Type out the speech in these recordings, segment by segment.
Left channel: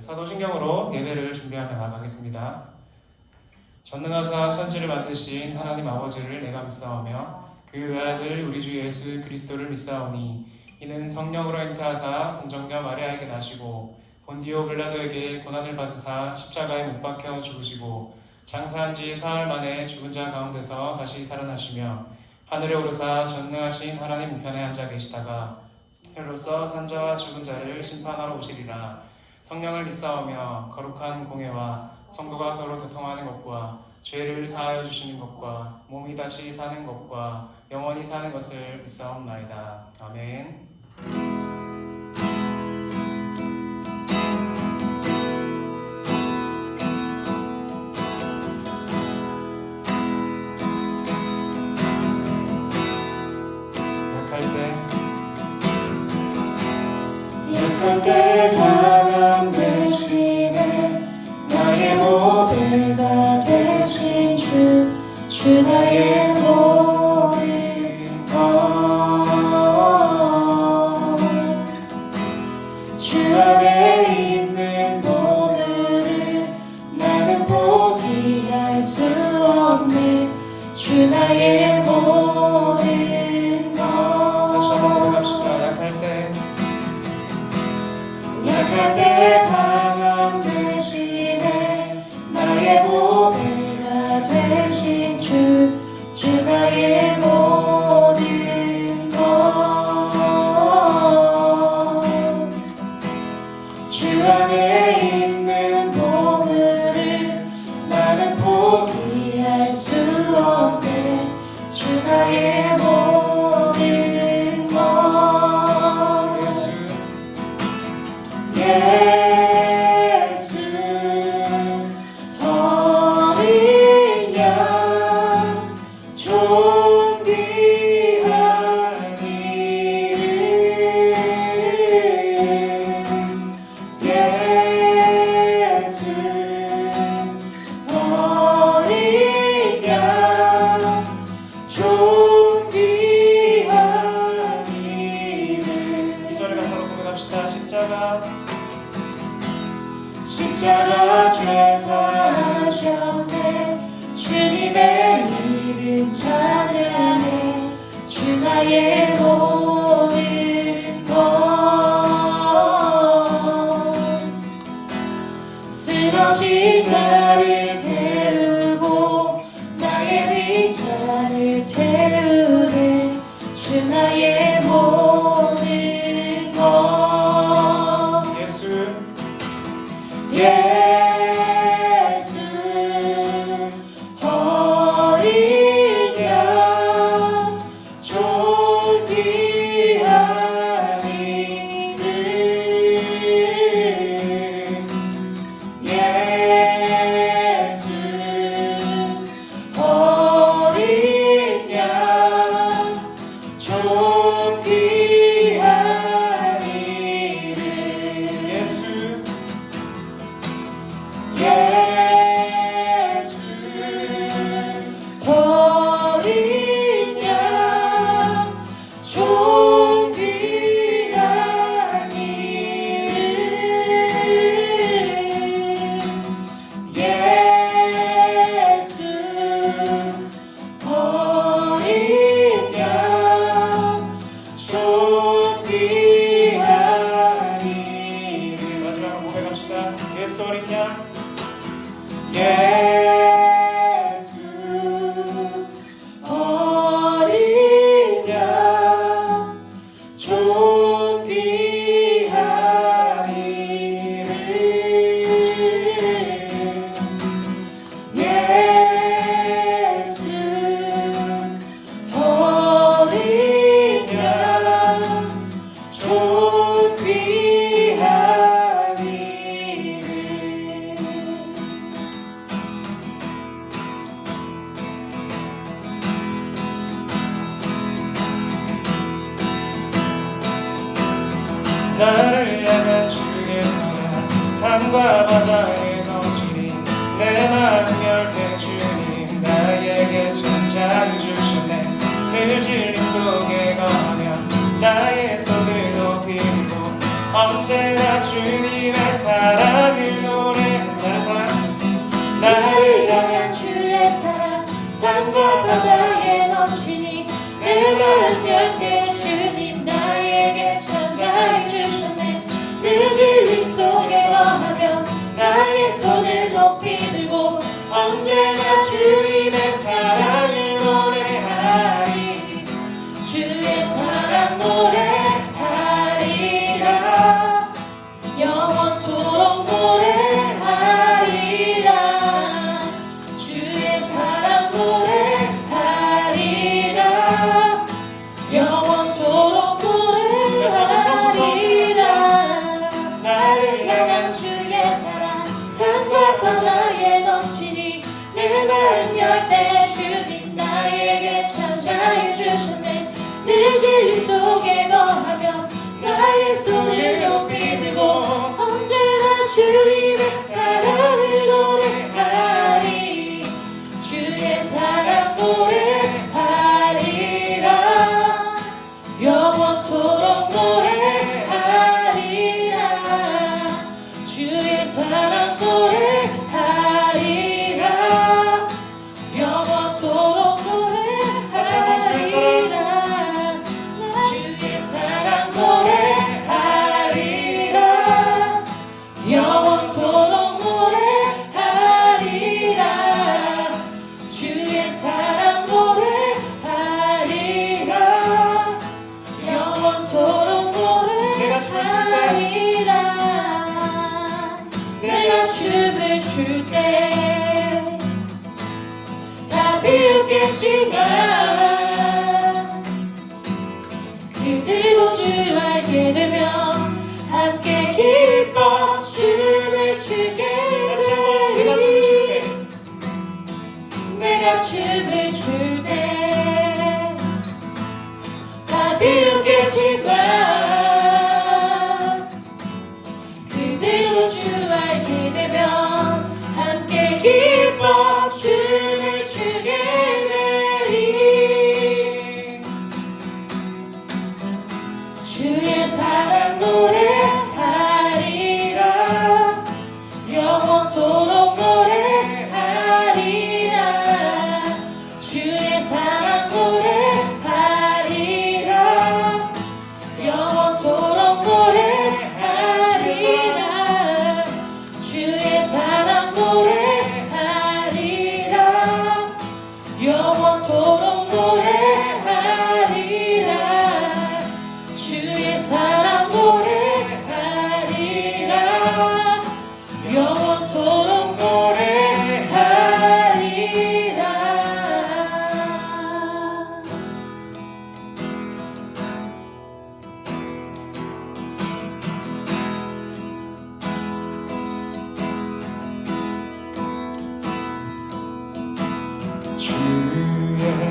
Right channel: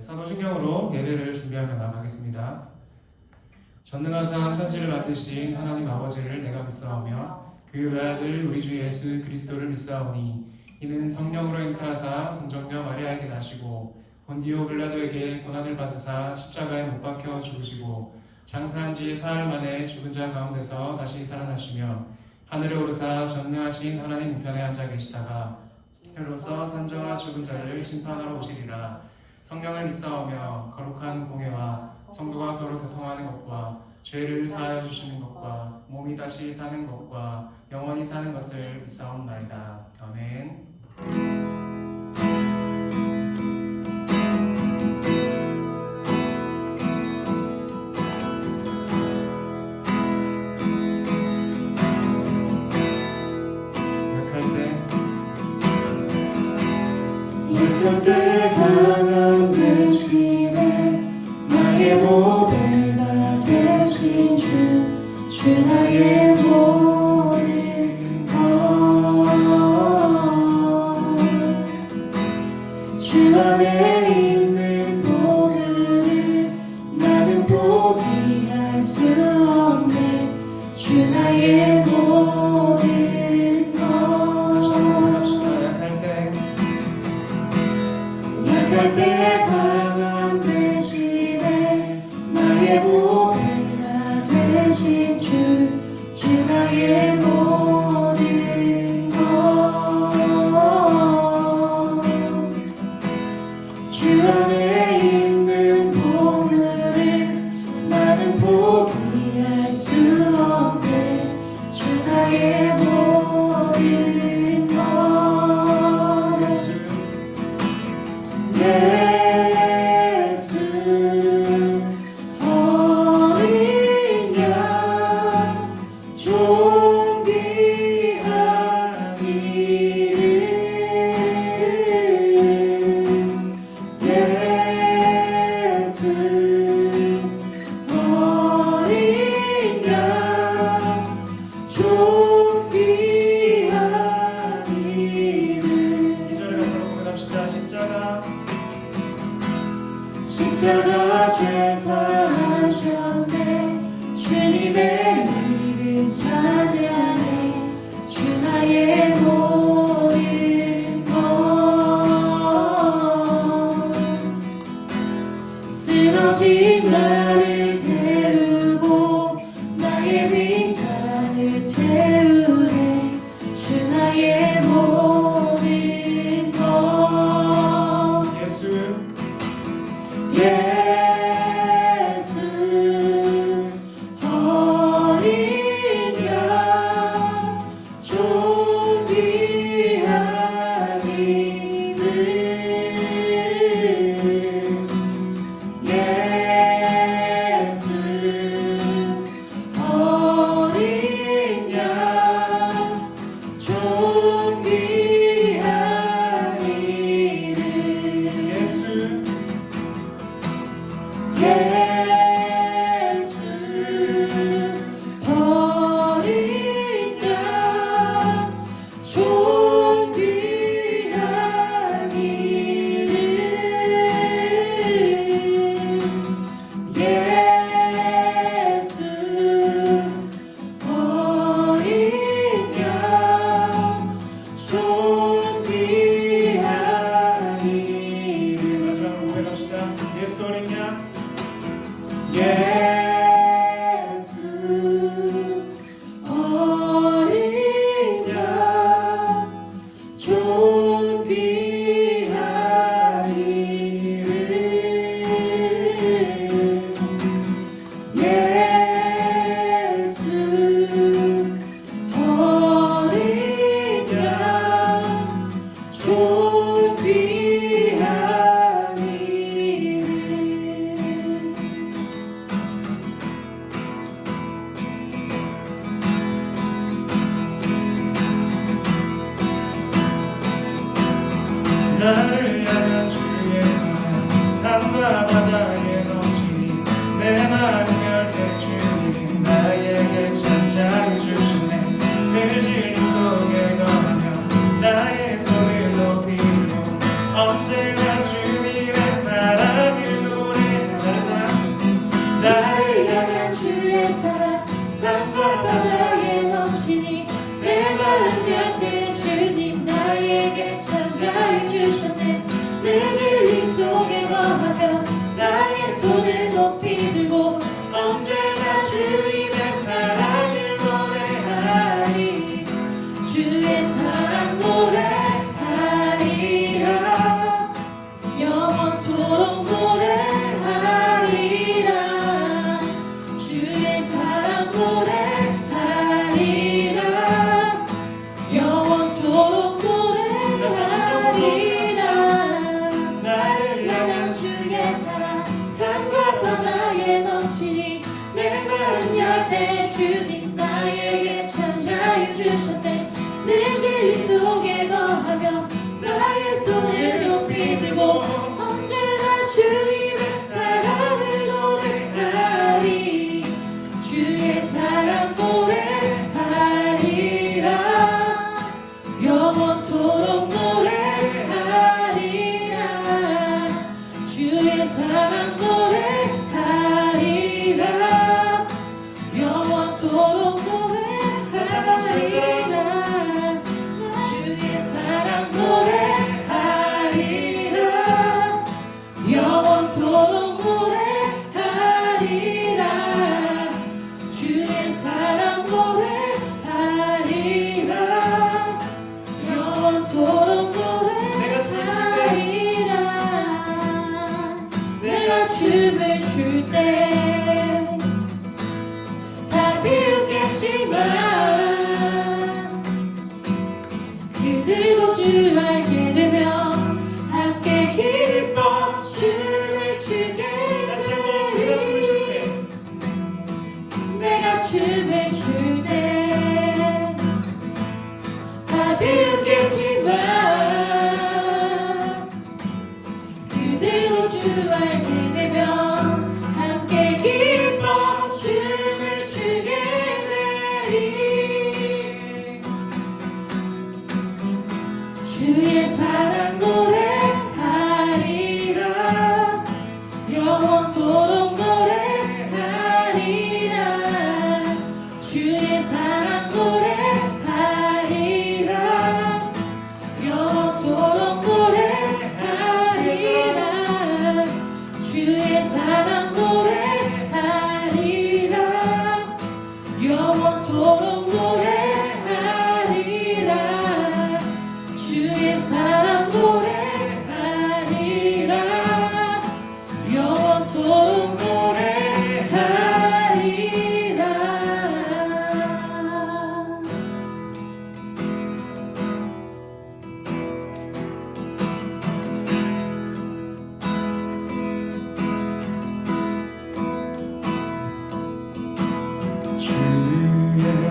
사도신경으로 예배를 준비하며 나가겠습니다. 전능하사 천지를 만드신 하나님 아버지를 내가 믿사오며 그 외아들 우리 주 예수 그리스도를 믿사오니 이는 성령으로 잉태하사 동정녀 마리아에게 나시고 본디오 빌라도에게 고난을 받으사 십자가에 못 박혀 죽으시고 장사한 지 사흘 만에 죽은 자 가운데서 다시 살아나시며 하늘에 오르사 전능하신 하나님 우편에 앉아 계시다가 혈로서 산자와 죽은 자를 심판하러 오시리라. 성령을 믿사오며 거룩한 공회와 성도가 서로 교통하는 것과 죄를 사하여 주시는 것과 몸이 다시 사는 것과 영원히 사는 것을 믿사옵나이다. 아멘. 십자가 죄사하셨네. 주님의 이름 찬양해. 주 나의 모든 것. 쓰러진 나를 세우고 나의 빈자를 채우네. 주 나의 모든 것. 예수 어린 양 존귀 산과 바다에 넘치니 내 마음 열때 주님 나에게 찾아해 주셨네. 늘 진리 속에 거하며 나의 손을 높이 들고 언제나 주님의 사랑을 노래하리. 주의 사랑 노래하리라. 영원토록 노래하리라. 주의 사랑 노래하리라. 영원토록 노래하리라. 나를 향한 주의 사랑 산과 바다에 넘치니 내 마음 열때 주님 나에게 찾아해 주셨네. 늘 진리 속에 거하며 나의 손을 높이 들고 언제나 주님의 사랑을 노래하리. 주의 사랑 노래하리라. 영원토록 노래하리라. 주의 사랑 노래하리라. 영원토록 노래하리라. 주의 사랑 노래하리라. 영원토록 노래하리라. 주의 사랑 노래하리라. 영원토록 노래하리라. 내가 춤을 출 때 다 비웃겠지만 그들도 주 알게 되면 함께 기뻐 춤을 추게 되리. 내가 춤을 출 때 다 비웃겠지만 그들도 주 알게 되면 함께 기뻐 춤을 추게 되리. 주의 사랑 노래하리라. 영원토록 노래하리라. 주의 사랑 노래하리라. 영원토록 노래하리라. 주의 사랑 노래하리라. 영원토록 노래하리라. 주의 사랑 노래하리라. 영원토록 노래하리라. 주의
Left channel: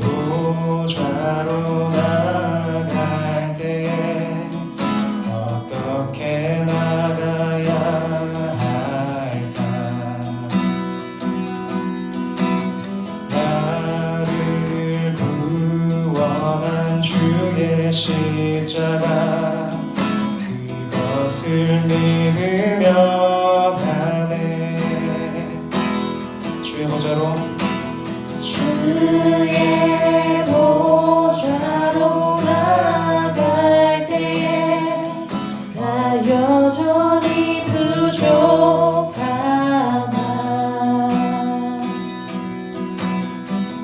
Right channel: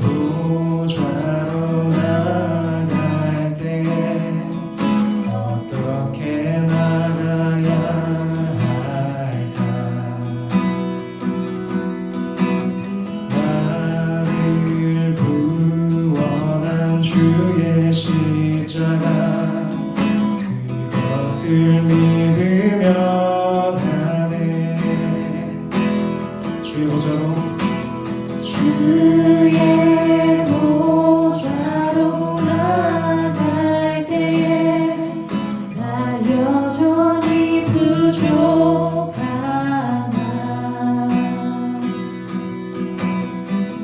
보좌로 나갈 때 어떻게 나가야 할까? 나를 구원한 주의 십자가 그것을 믿으며 가네. 주의 보좌로 주의 보좌로 나갈 때에 나 여전히 부족하나.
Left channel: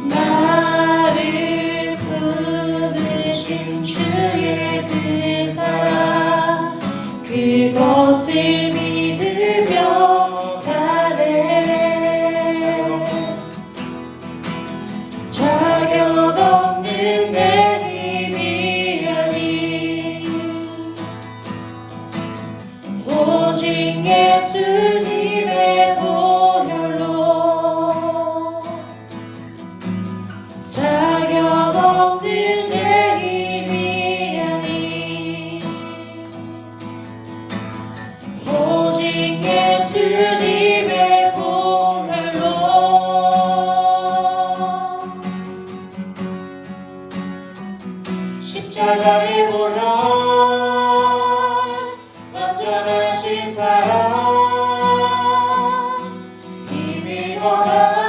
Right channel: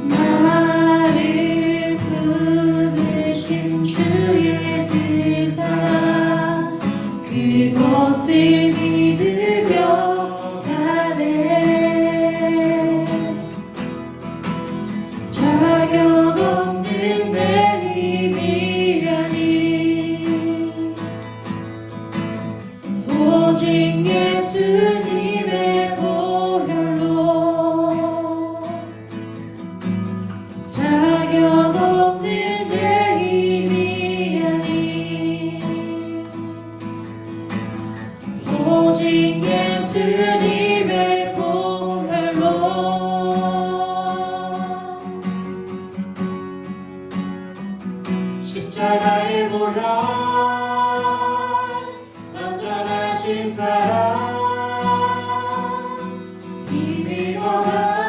나를 부르신 주의 지사 그것을 믿으며 가네. 자격 없는 내 힘이 아니 오직 예수님의 보혈로. 자격 없는 내 힘이 아니 오직 예수님의 보혈로. 십자가의 보혈 완전하신 사랑 이미 원하네.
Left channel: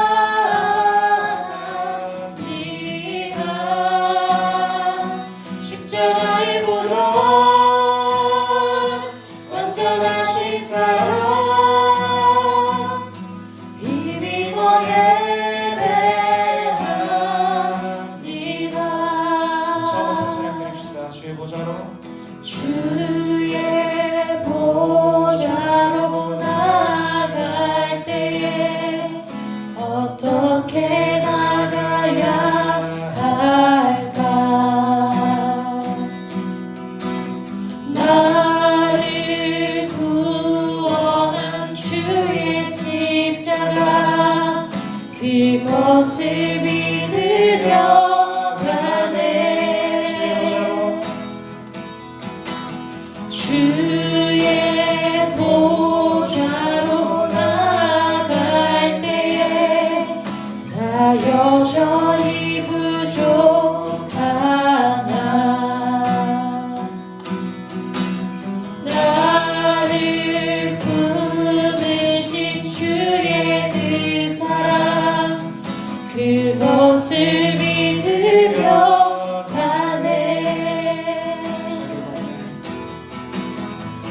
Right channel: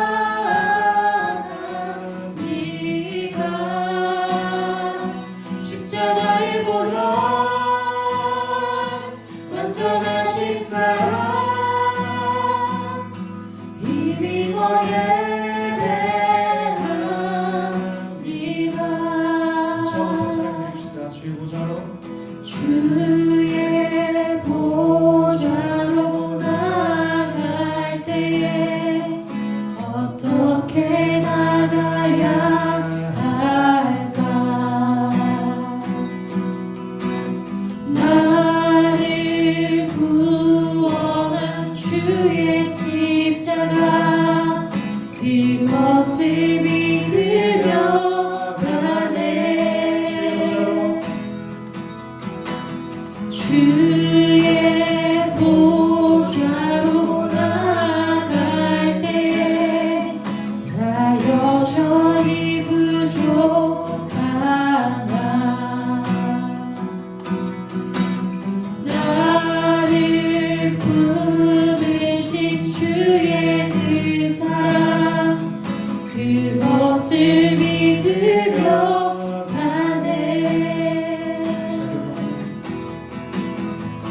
그것을 믿으려 가네.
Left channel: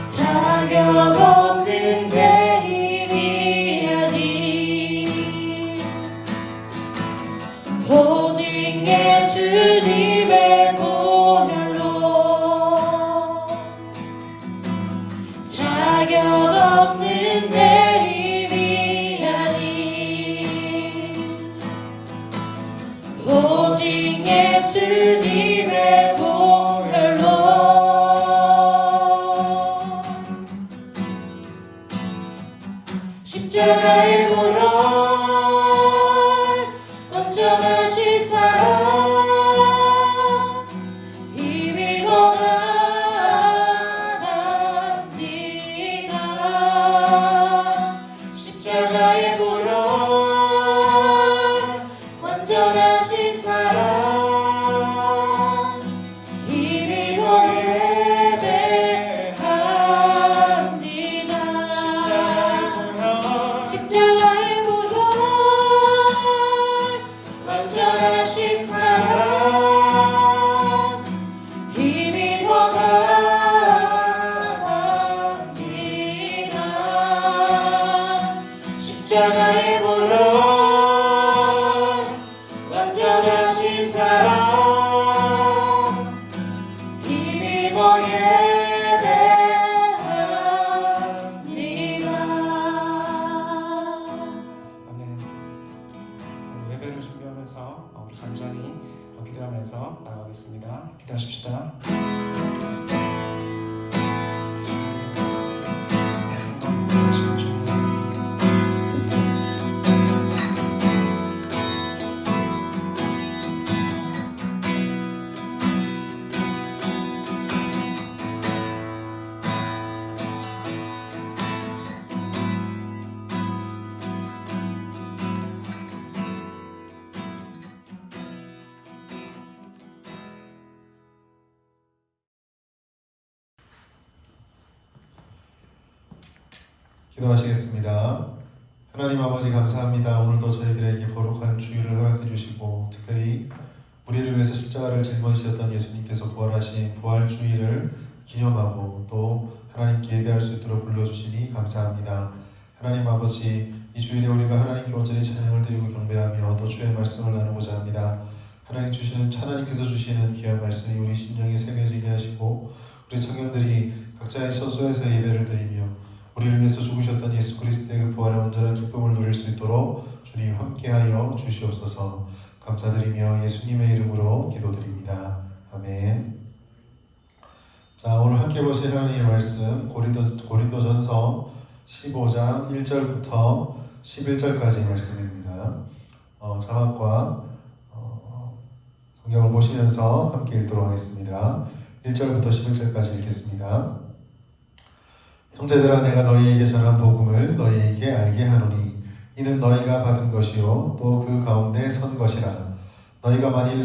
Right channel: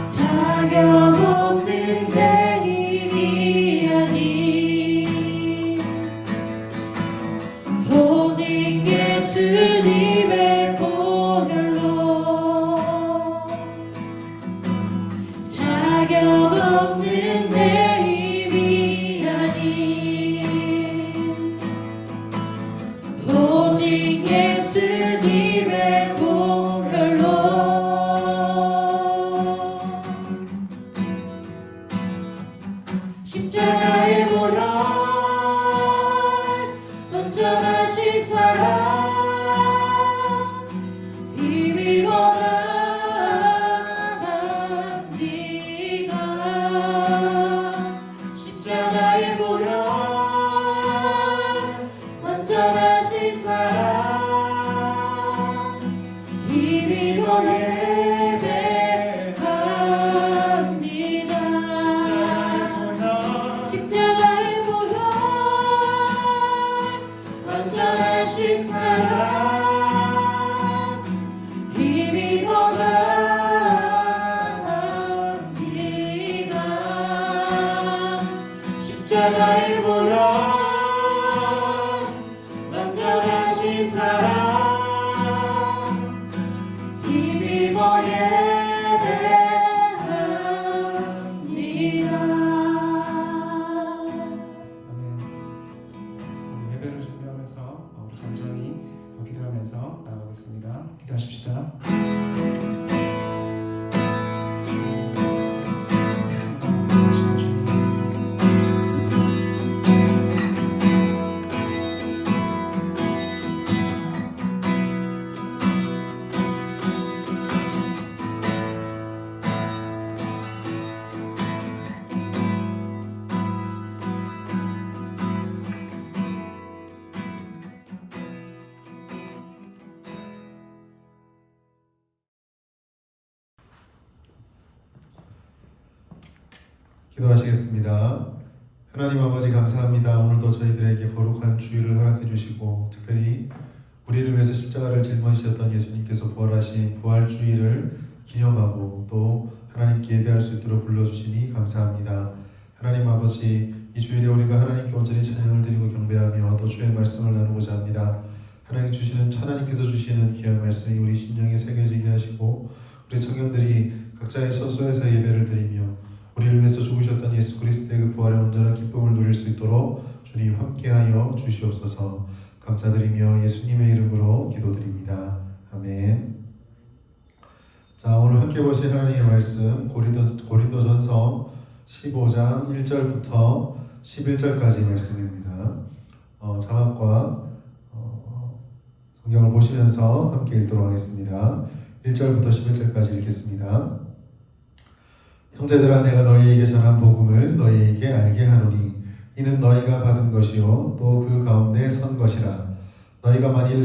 자격 없는 내 힘이 아닌 오직 예수님의 보혈로 자격 없는 내 힘이 아닌 오직 예수님의 보혈로 십자가의 보혈 완전하신 사랑 힘입어 나갑니다. 십자가의 보혈 완전하신 사랑 힘입어 예배합니다. 십자가의 보혈 완전하신 사랑 힘입어 나갑니다. 십자가의 보혈 완전하신 사랑 힘입어 예배합니다. 아멘. 우리 예배를 준비하면서 우리 천천히 기도하면서 나가겠습니다. 기도하십시다. 기도하시겠습니다. 하나님 아버지 감사합니다. 오늘도 저희들에게 거룩한 주일을 허락해 주시고 특별히 우리를 위해서 십자가를 짊어지셨던 예수님께서 부활하신 부활주일을 기념하고 또 하나님께 예배할 수 있도록 불러주시니 감사합니다. 하나님 아버지 이 주일에 우리가 하나님께 온전히 찬양을 드리고 경배하며 또 주의 말씀을 나누고자 합니다. 하나님께서 주시는 귀한 말씀이 우리 심령에 새겨지게 하시고 우리 청년들이 각자의 처소에서 예배를 드리며 우리를 위해서 죽으셨던 예수 그리스도의 그 부활의 온전한 기쁨을 누릴 수 있도록 주님 함께하여 주시옵소서. 감사드리며 예수님의 이름으로 기도드립니다. 아멘. 자, 오늘 함께 보실 하나님의 말씀 고린도전서 15장 1절부터 11절까지 말씀입니다. 자막과 성경을 보시면서 함께 읽도록 하겠습니다. 1절부터 11절까지 읽겠습니다. 형제들아, 내가 너희에게 전한 복음을 너희에게 알게 하노니 이는 너희가 받은 것이요 또 그 가운데 선 것이라. 너희가 만일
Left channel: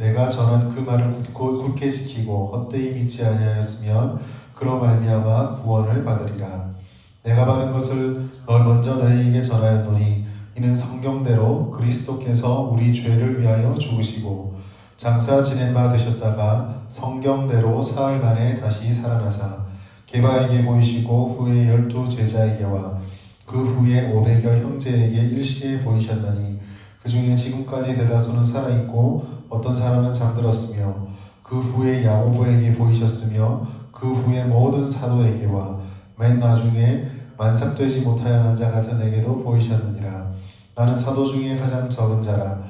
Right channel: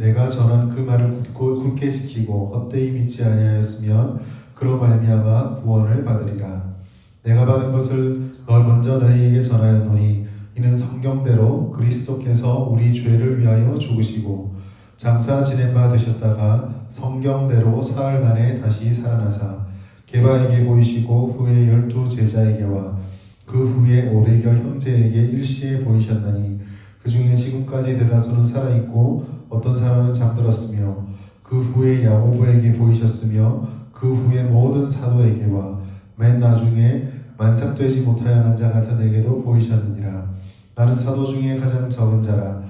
내가 전한 그 말을 굳게 지키고 헛되이 믿지 아니하였으면 그로 말미암아 구원을 받으리라. 내가 받은 것을 먼저 너희에게 전하였노니 이는 성경대로 그리스도께서 우리 죄를 위하여 죽으시고 장사 지낸 바 되셨다가 성경대로 사흘 만에 다시 살아나사 게바에게 보이시고 후에 12 제자에게와 그 후에 500여 형제에게 일시에 보이셨나니 그 중에 지금까지 대다수는 살아있고 어떤 사람은 잠들었으며 그 후에 야고보에게 보이셨으며 그 후에 모든 사도에게와 맨 나중에 만삭되지 못하여 자 같은 에게도 보이셨느니라. 나는 사도 중에 가장 적은 자라.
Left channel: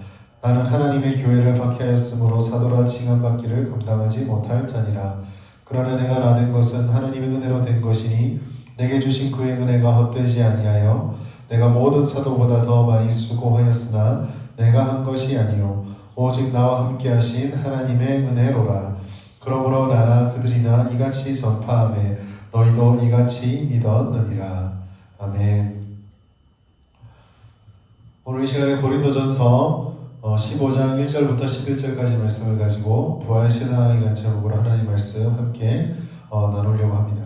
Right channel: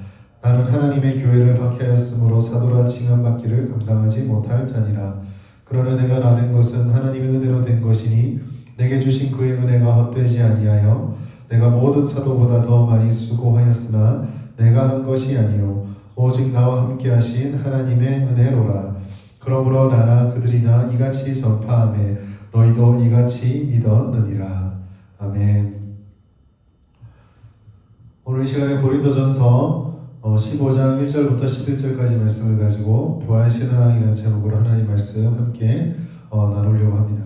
나는 하나님의 교회를 박해하였으므로 사도라 칭함받기를 감당하지 못할 자니라. 그러나 내가 나된 것은 하나님의 은혜로 된 것이니 내게 주신 그의 은혜가 헛되지 아니하여 내가 모든 사도보다 더 많이 수고하였으나 내가 한 것이 아니요 오직 나와 함께 하신 하나님의 은혜로라. 그러므로 나나 그들이나 이같이 전파하며 너희도 이같이 믿었느니라. 아멘. 오늘 이 시간에 고린도전서 15장 1절부터 11절까지 말씀을 가지고 부활신앙이라는 제목으로 하나님 말씀 함께 나누려고 합니다.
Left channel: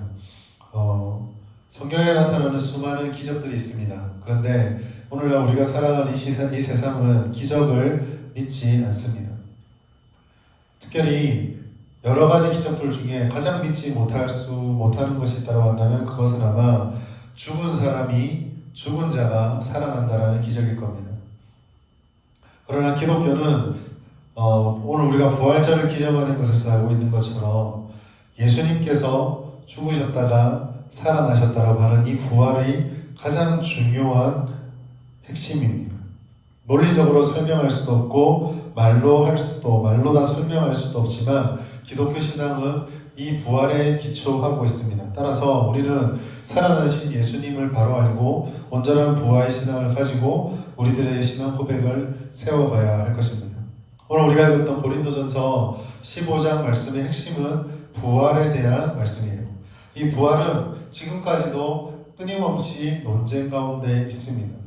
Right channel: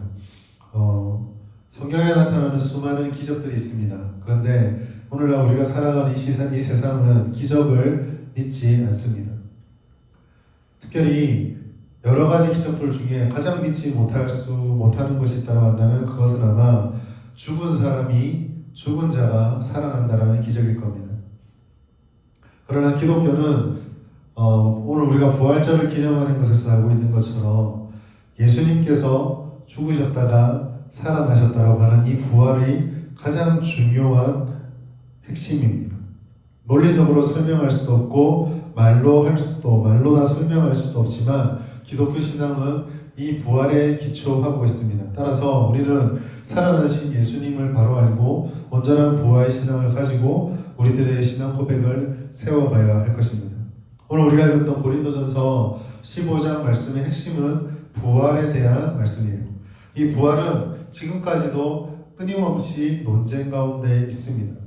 성경에 나타나는 수많은 기적들이 있습니다. 그런데 오늘날 우리가 살아가는 이 세상은 기적을 믿지 않습니다. 특별히 여러 가지 기적들 중에 가장 믿지 못하는 것이 있다고 한다면 그것은 아마 죽은 자가 살아난다라는 기적일 겁니다. 그러나 기독교는 오늘 우리가 부활절을 기념하는 것에서 알고 있는 것처럼 예수님께서 죽으셨다가 살아나셨다라고 하는 이 부활이 가장 중요한 핵심입니다. 논리적으로 설명할 수도 없고 말로 다 설명할 수도 없지만 기독교 신앙은 이 부활에 기초하고 있습니다. 따라서 우리는 살아나신 예수님을 바로 알고 온전한 부활 신앙을 가지고 우리들의 신앙 고백을 세워가야 할 것입니다. 오늘 우리가 읽었던 고린도전서 15장 말씀의 핵심은 부활에 대한 말씀이에요. 이 부활은 지금까지도 끊임없이 논쟁 가운데 있습니다.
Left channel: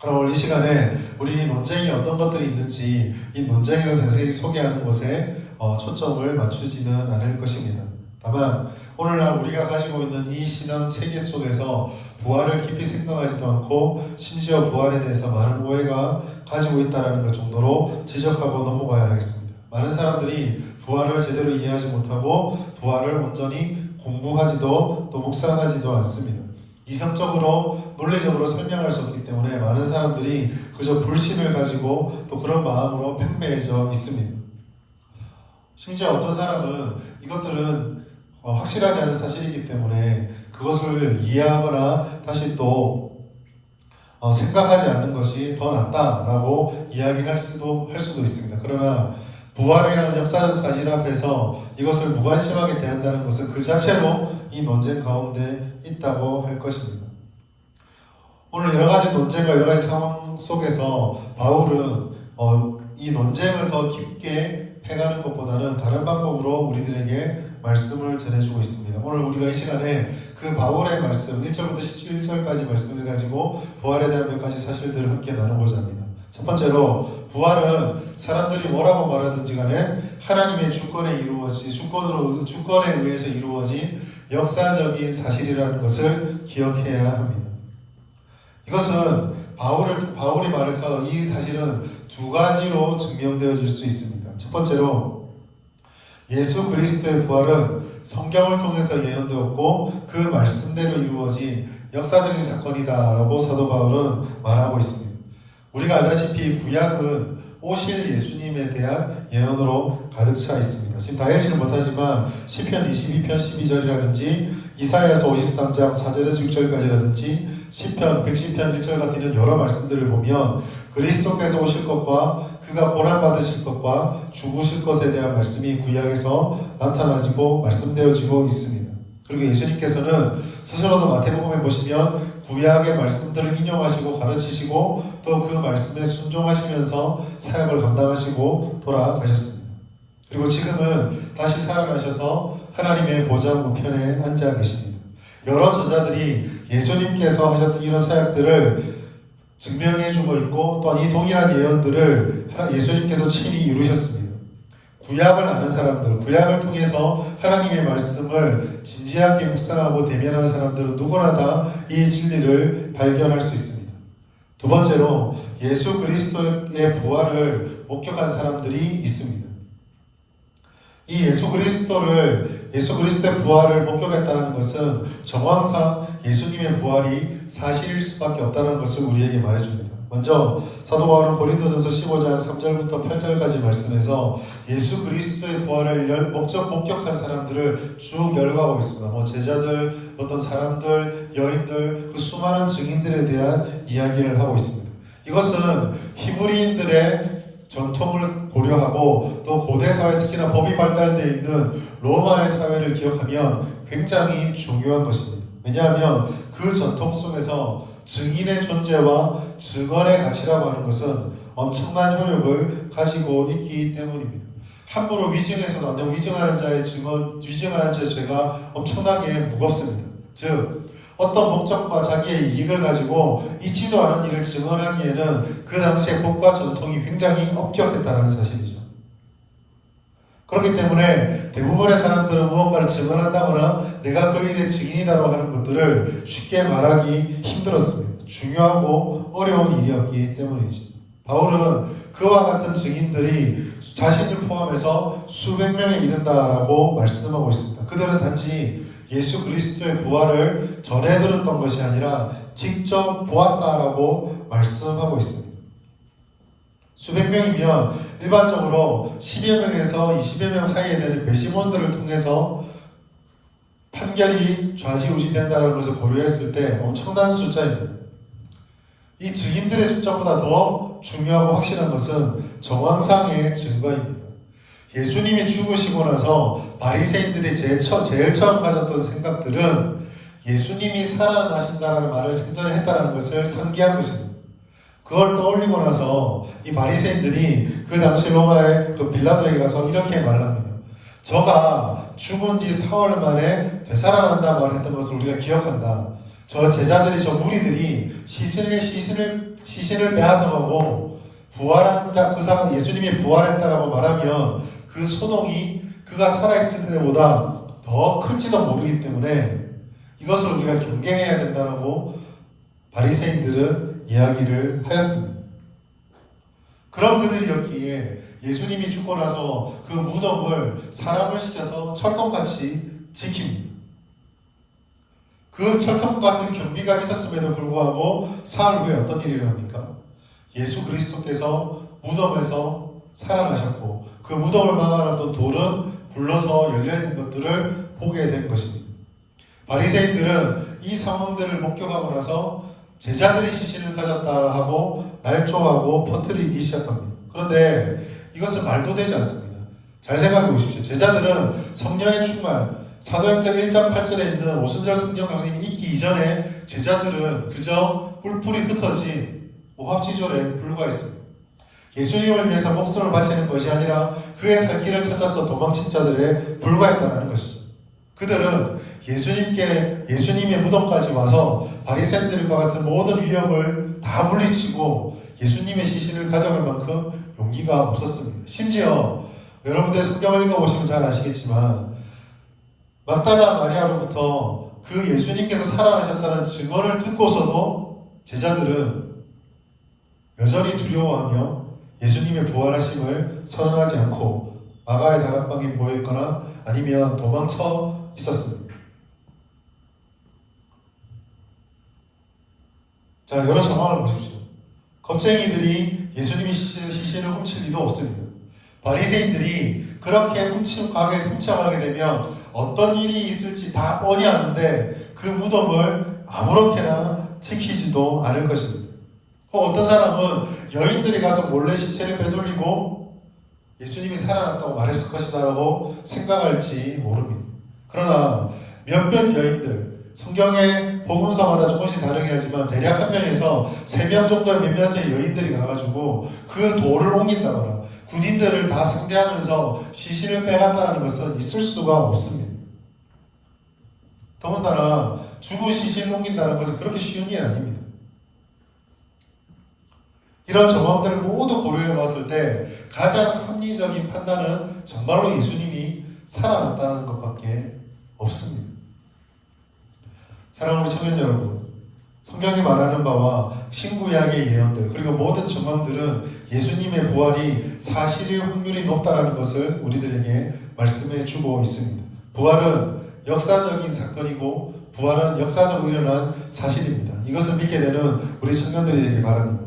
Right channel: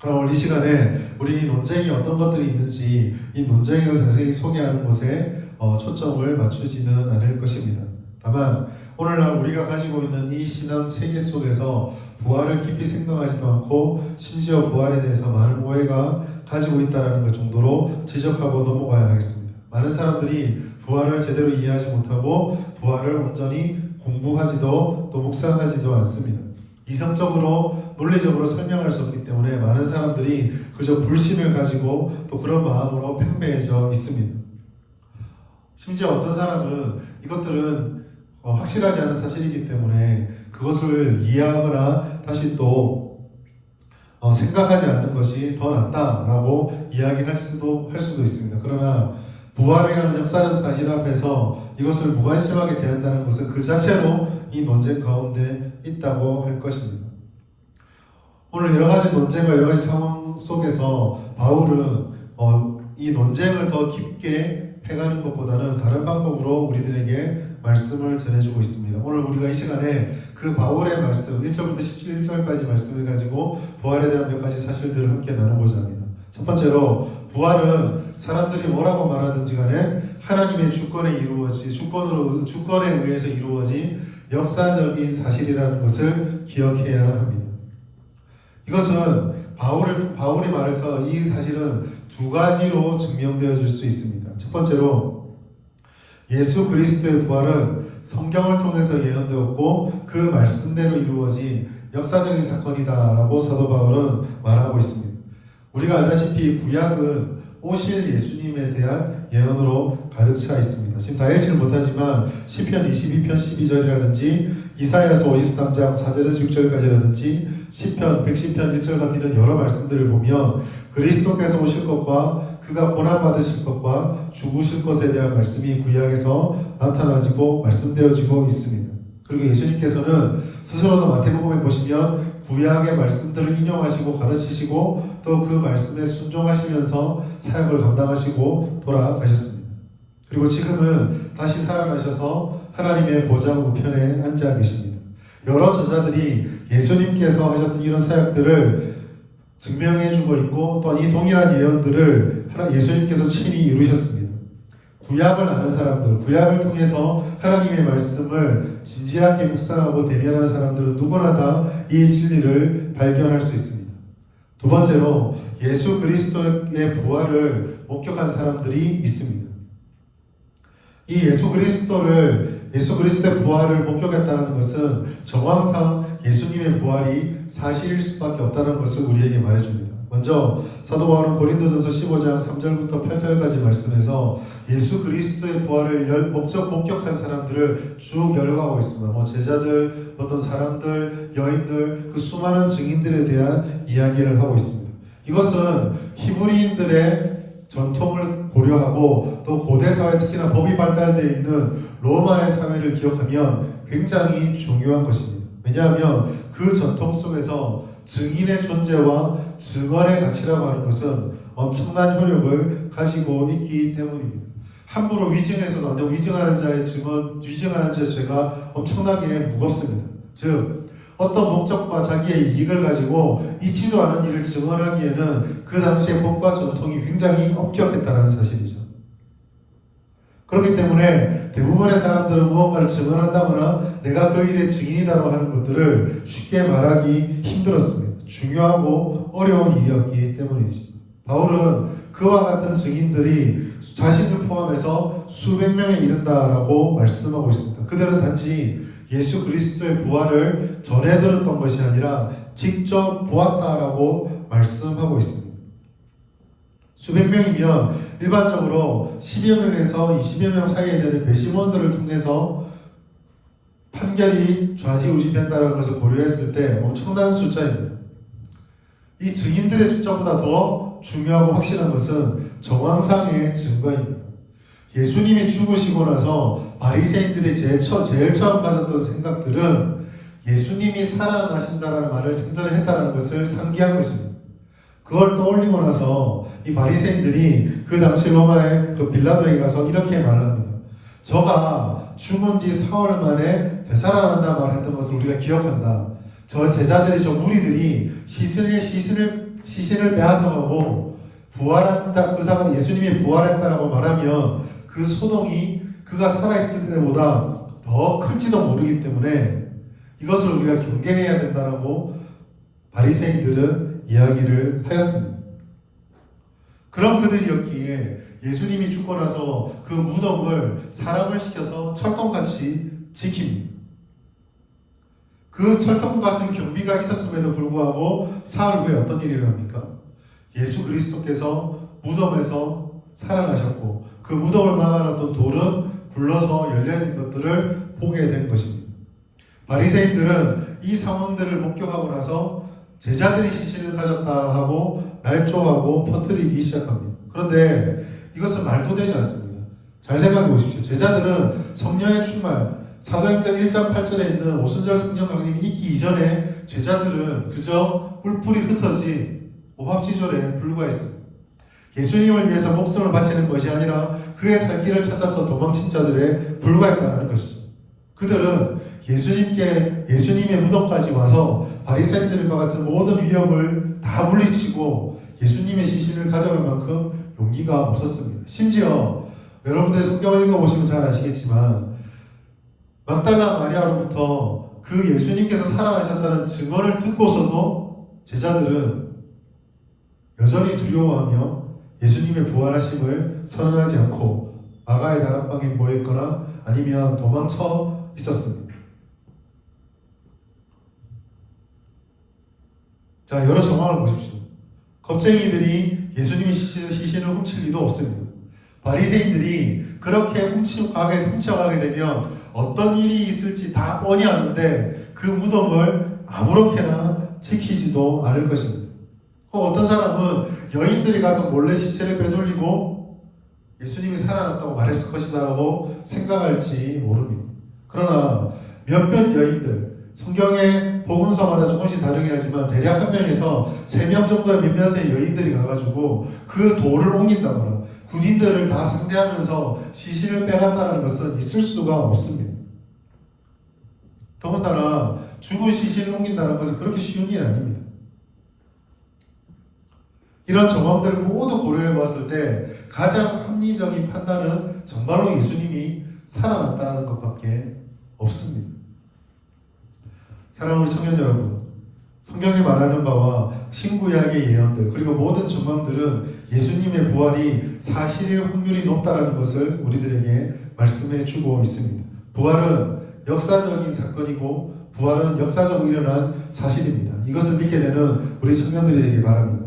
그럼 오늘 이 시간에 우리는 이 논쟁이 어떤 것들이 있는지 이 논쟁을 자세히 소개하는 것에 초점을 맞추지는 않을 것입니다. 다만 오늘날 우리가 가지고 있는 이 신앙 체계 속에서 부활을 깊이 생각하지도 않고 심지어 부활에 대해서 많은 오해가 가지고 있다는 것 정도로 지적하고 넘어가야 하겠습니다. 많은 사람들이 부활을 제대로 이해하지 못하고 부활을 온전히 공부하지도 또 묵상하지도 않습니다. 이성적으로 논리적으로 설명할 수 없기 때문에 많은 사람들이 그저 불신을 가지고 또 그런 마음으로 팽배해져 있습니다. 심지어 어떤 사람은 이것들은 확실하지 않은 사실이기 때문에 그것을 이해하거나 다시 또 생각하지 않는 것이 더 낫다라고 이야기할 수도 있습니다. 그러나 부활이라는 역사적 사실 앞에서 이것을 무관심하게 대한다는 것은 그 자체로 이 논쟁 가운데 있다고 할 것입니다. 오늘 여러 가지 논쟁과 여러 가지 상황 속에서 바울은 이 논쟁을 더 깊게 해가는 것보다는 다른 방법으로 우리들에게 말씀을 전해주고 있습니다. 오늘 우리가 이 시간에 그 바울의 말씀 1절부터 17절까지 말씀을 가지고 부활에 대한 몇 가지 사실들을 함께 나누고자 합니다. 첫 번째로 부활은 사람들이 뭐라고 말하든지 간에 하나님의 주권에 의해서 이루어진 역사적인 사실이라는 것을 기억해야 합니다. 이것은 바울이 말해서 이 사실은 두 가지로 증명되어질 수 있습니다. 첫 번째로 예수 그리스도의 부활은 성경을 통해서 예언되었고 그 말씀대로 이루어진 역사적인 사건이다라고 사도 바울은 말하고 있습니다. 우리가 알다시피 구약은 오실 예수님에 대한 예언으로 가득 차 있습니다. 지금 다 읽지는 못하지만 시편 22편 12절이라든지 이사야서 53장 4절에서 6절까지라든지 시편 110편 1절 같은 이런 여러 말씀들을 보면 그리스도께서 오실 것과 그가 고난받으실 것과 죽으실 것에 대한 말씀이 구약에서 나타나지고 말씀되어지고 있습니다. 그리고 예수님께서는 스스로도 마태복음에 보시면 구약의 말씀들을 인용하시고 가르치시고 또 그 말씀에 순종하시면서 사역을 감당하시고 돌아가셨습니다. 그리고 지금은 다시 살아나셔서 하나님의 보좌 우편에 앉아 계십니다. 여러 저자들이 예수님께서 하셨던 이런 사역들을 증명해주고 있고 또한 이 동일한 예언들을 예수님께서 친히 이루셨습니다. 구약을 아는 사람들, 구약을 통해서 하나님의 말씀을 진지하게 묵상하고 대면하는 사람들은 누구나 다 이 진리를 발견할 수 있습니다. 두 번째로 예수 그리스도의 부활을 목격한 사람들이 있습니다. 이 예수 그리스도의 부활을 목격했다는 것은 정황상 예수님의 부활이 사실일 수밖에 없다는 것을 우리에게 말해줍니다. 먼저 사도 바울은 고린도전서 15장 3절부터 8절까지 말씀에서 예수 그리스도의 부활을 목격한 사람들을 쭉 열거하고 있습니다. 제자들, 어떤 사람들, 여인들, 그 수많은 증인들에 대한 이야기를 하고 있습니다. 이것은 히브리인들의 전통을 고려하고 또 고대 사회, 특히나 법이 발달되어 있는 로마의 사회를 기억하면 굉장히 중요한 것입니다. 왜냐하면 그 전통 속에서 증인의 존재와 증언의 가치라고 하는 것은 엄청난 효력을 가지고 있기 때문입니다. 함부로 위증해서도 안 되고 위증하는 자의 죄가 엄청나게 무겁습니다. 즉 어떤 목적과 자기의 이익을 가지고 있지도 않은 일을 증언하기에는 그 당시의 법과 전통이 굉장히 엄격했다는 사실이죠. 그렇기 때문에 대부분의 사람들은 무언가를 증언한다거나 내가 그 일의 증인이다라고 하는 것들을 쉽게 말하기 힘들었습니다. 중요하고 어려운 일이었기 때문이지. 바울은 그와 같은 증인들이 자신을 포함해서 수백 명에 이른다라고 말씀하고 있습니다. 그들은 단지 예수 그리스도의 부활을 전해 들었던 것이 아니라 직접 보았다라고 말씀하고 있습니다. 수백 명이면 일반적으로 10여 명에서 20여 명 사이에 되는 배심원들을 통해서 판결이 좌지우지된다는 것을 고려했을 때 엄청난 숫자입니다. 이 증인들의 숫자보다 더 중요하고 확실한 것은 정황상의 증거입니다. 예수님이 죽으시고 나서 바리새인들이 제일 처음 가졌던 생각들은 예수님이 살아나신다는 말을 생전에 했다는 것을 상기한 것입니다. 그걸 떠올리고 나서 이 바리새인들이 그 당시 로마의 그 빌라도에 가서 이렇게 말합니다. 저가 죽은 지 4월 만에 되살아난다 말했던 것을 우리가 기억한다. 저 제자들이, 저 무리들이 시신을 빼앗아가고 부활한 자, 그 사람 예수님이 부활했다라고 말하면 그 소동이 그가 살아있을 때보다 더 클지도 모르기 때문에 이것을 우리가 경계해야 된다라고 바리새인들은 이야기를 하였습니다. 그런 그들이었기에 예수님이 죽고 나서 그 무덤을 사람을 시켜서 철통같이 지킵니다. 그 철통 같은 경비가 있었음에도 불구하고 사흘 후에 어떤 일이 일어납니까? 예수 그리스도께서 무덤에서 살아나셨고 그 무덤을 막아놨던 돌은 불러서 열려있는 것들을 보게 된 것입니다. 바리새인들은 이 상황들을 목격하고 나서 제자들이 시신을 가졌다 하고 날조하고 퍼뜨리기 시작합니다. 그런데 이것은 말도 되지 않습니다. 잘 생각해 보십시오. 제자들은 성령의 충만, 사도행전 1장 8절에 있는 오순절 성령 강림이 있기 이전에 제자들은 그저 뿔뿔이 흩어진 오합지졸에 불과했습니다. 예수님을 위해서 목숨을 바치는 것이 아니라 그의 살 길을 찾아서 도망친 자들에 불과했다는 것이죠. 그들은 예수님의 무덤까지 와서 바리새인들과 같은 모든 위협을 다 물리치고 예수님의 시신을 가져갈 만큼 용기가 없었습니다. 심지어 여러분들 성경을 읽어보시면 잘 아시겠지만 막달라 마리아로부터 그 예수님께서 살아나셨다는 증언을 듣고서도 제자들은 여전히 두려워하며 예수님의 부활하심을 선언하지 않고 마가의 다락방에 모여있거나 아니면 도망쳐 있었습니다. 자, 여러 정황을 보십시오. 겁쟁이들이 예수님의 시신을 훔칠 리도 없습니다. 바리새인들이 그렇게 훔쳐가게 되면 어떤 일이 있을지 다 뻔히 아는데 그 무덤을 아무렇게나 지키지도 않을 것입니다. 어떤 사람은 여인들이 가서 몰래 시체를 빼돌리고 예수님이 살아났다고 말했을 것이다라고 생각할지 모릅니다. 그러나 몇몇 여인들, 성경의 복음서마다 조금씩 다르게 하지만 대략 한 명에서 3명 정도의 몇몇의 여인들이 가가지고 그 돌을 옮긴다거나 군인들을 다 상대하면서 시신을 빼간다는 것은 있을 수가 없습니다. 더군다나 죽은 시신을 옮긴다는 것은 그렇게 쉬운 일이 아닙니다. 이런 정황들을 모두 고려해 봤을 때 가장 합리적인 판단은 정말로 예수님이 살아났다는 것밖에 없습니다. 사랑하는 청년 여러분, 성경이 말하는 바와 신구약의 예언들 그리고 모든 정황들은 예수님의 부활이 사실일 확률이 높다는 것을 우리들에게 말씀해 주고 있습니다. 부활은 역사적인 사건이고 부활은 역사적으로 일어난 사실입니다. 이것을 믿게 되는 우리 청년들이 되길 바랍니다.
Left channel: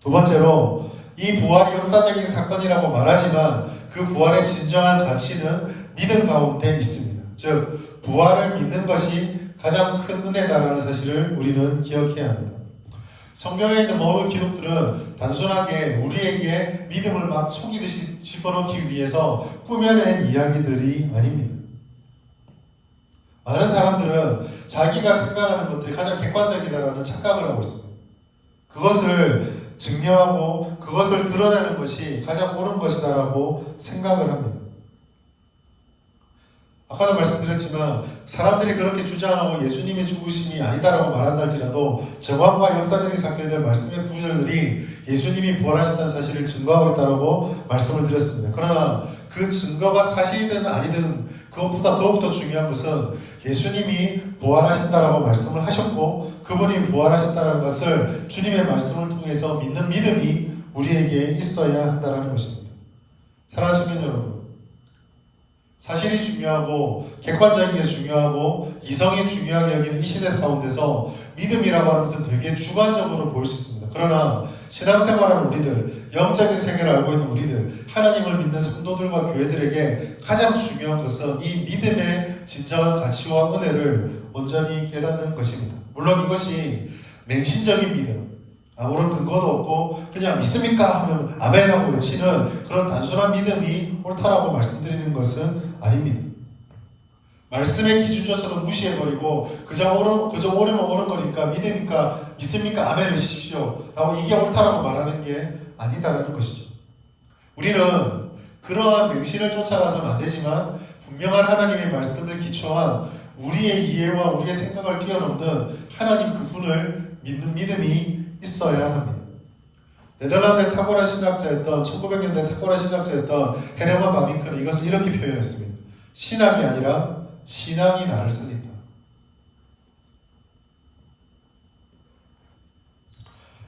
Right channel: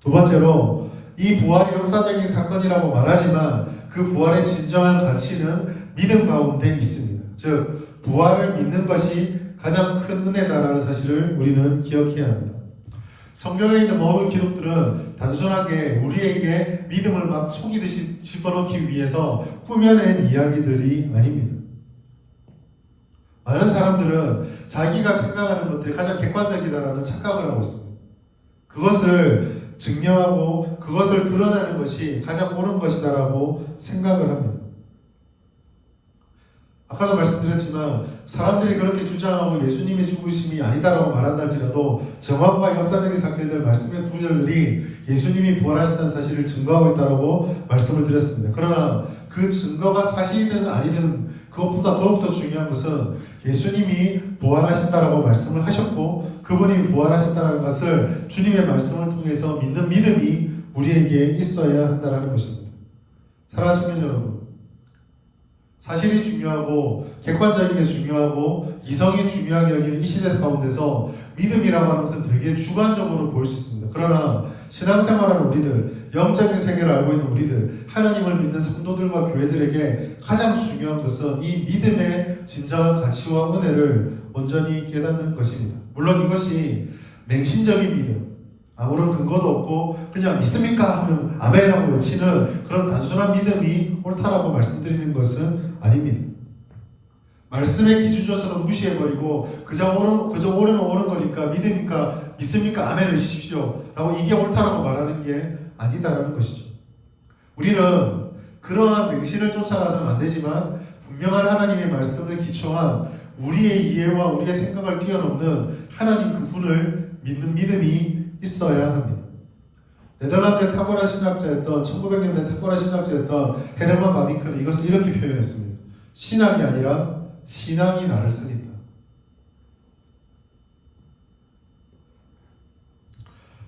두 번째로 이 부활이 역사적인 사건이라고 말하지만 그 부활의 진정한 가치는 믿음 가운데 있습니다. 즉 부활을 믿는 것이 가장 큰 은혜다라는 사실을 우리는 기억해야 합니다. 성경에 있는 모든 기록들은 단순하게 우리에게 믿음을 막 속이듯이 집어넣기 위해서 꾸며낸 이야기들이 아닙니다. 많은 사람들은 자기가 생각하는 것들이 가장 객관적이다라는 착각을 하고 있습니다. 그것을 증명하고 그것을 드러내는 것이 가장 옳은 것이다라고 생각을 합니다. 아까도 말씀드렸지만 사람들이 그렇게 주장하고 예수님의 죽으심이 아니다라고 말한다 할지라도 정황과 역사적인 사건들 말씀의 구절들이 예수님이 부활하신다는 사실을 증거하고 있다고 말씀을 드렸습니다. 그러나 그 증거가 사실이든 아니든 그것보다 더욱더 중요한 것은 예수님이 부활하신다라고 말씀을 하셨고 그분이 부활하신다는 것을 주님의 말씀을 통해서 믿는 믿음이 우리에게 있어야 한다는 것입니다. 사랑하시는 여러분, 사실이 중요하고 객관적인 게 중요하고 이성이 중요하게 여기는 이 시대 가운데서 믿음이라고 하는 것은 되게 주관적으로 보일 수 있습니다. 그러나 신앙생활하는 우리들, 영적인 세계를 알고 있는 우리들, 하나님을 믿는 성도들과 교회들에게 가장 중요한 것은 이 믿음의 진정한 가치와 은혜를 온전히 깨닫는 것입니다. 물론 이것이 맹신적인 믿음, 아무런 근거도 없고 그냥 믿습니까? 하면 아멘이라고 외치는 그런 단순한 믿음이 옳다라고 말씀드리는 것은 아닙니다. 말씀의 기준조차도 무시해버리고 그저 오르면 오른 거니까 믿으니까 믿습니까? 아멘을 하십시오 라고 이게 옳다라고 말하는 게 아니다라는 것이죠. 우리는 그러한 맹신을 쫓아가서는 안 되지만 분명한 하나님의 말씀을 기초한 우리의 이해와 우리의 생각을 뛰어넘는 하나님 그분을 믿는 믿음이 있어야 합니다. 네덜란드의 탁월한 신학자였던 1900년대 탁월한 신학자였던 헤르만 바빙크는 이것을 이렇게 표현했습니다. 신앙이 아니라 신앙이 나를 살린다.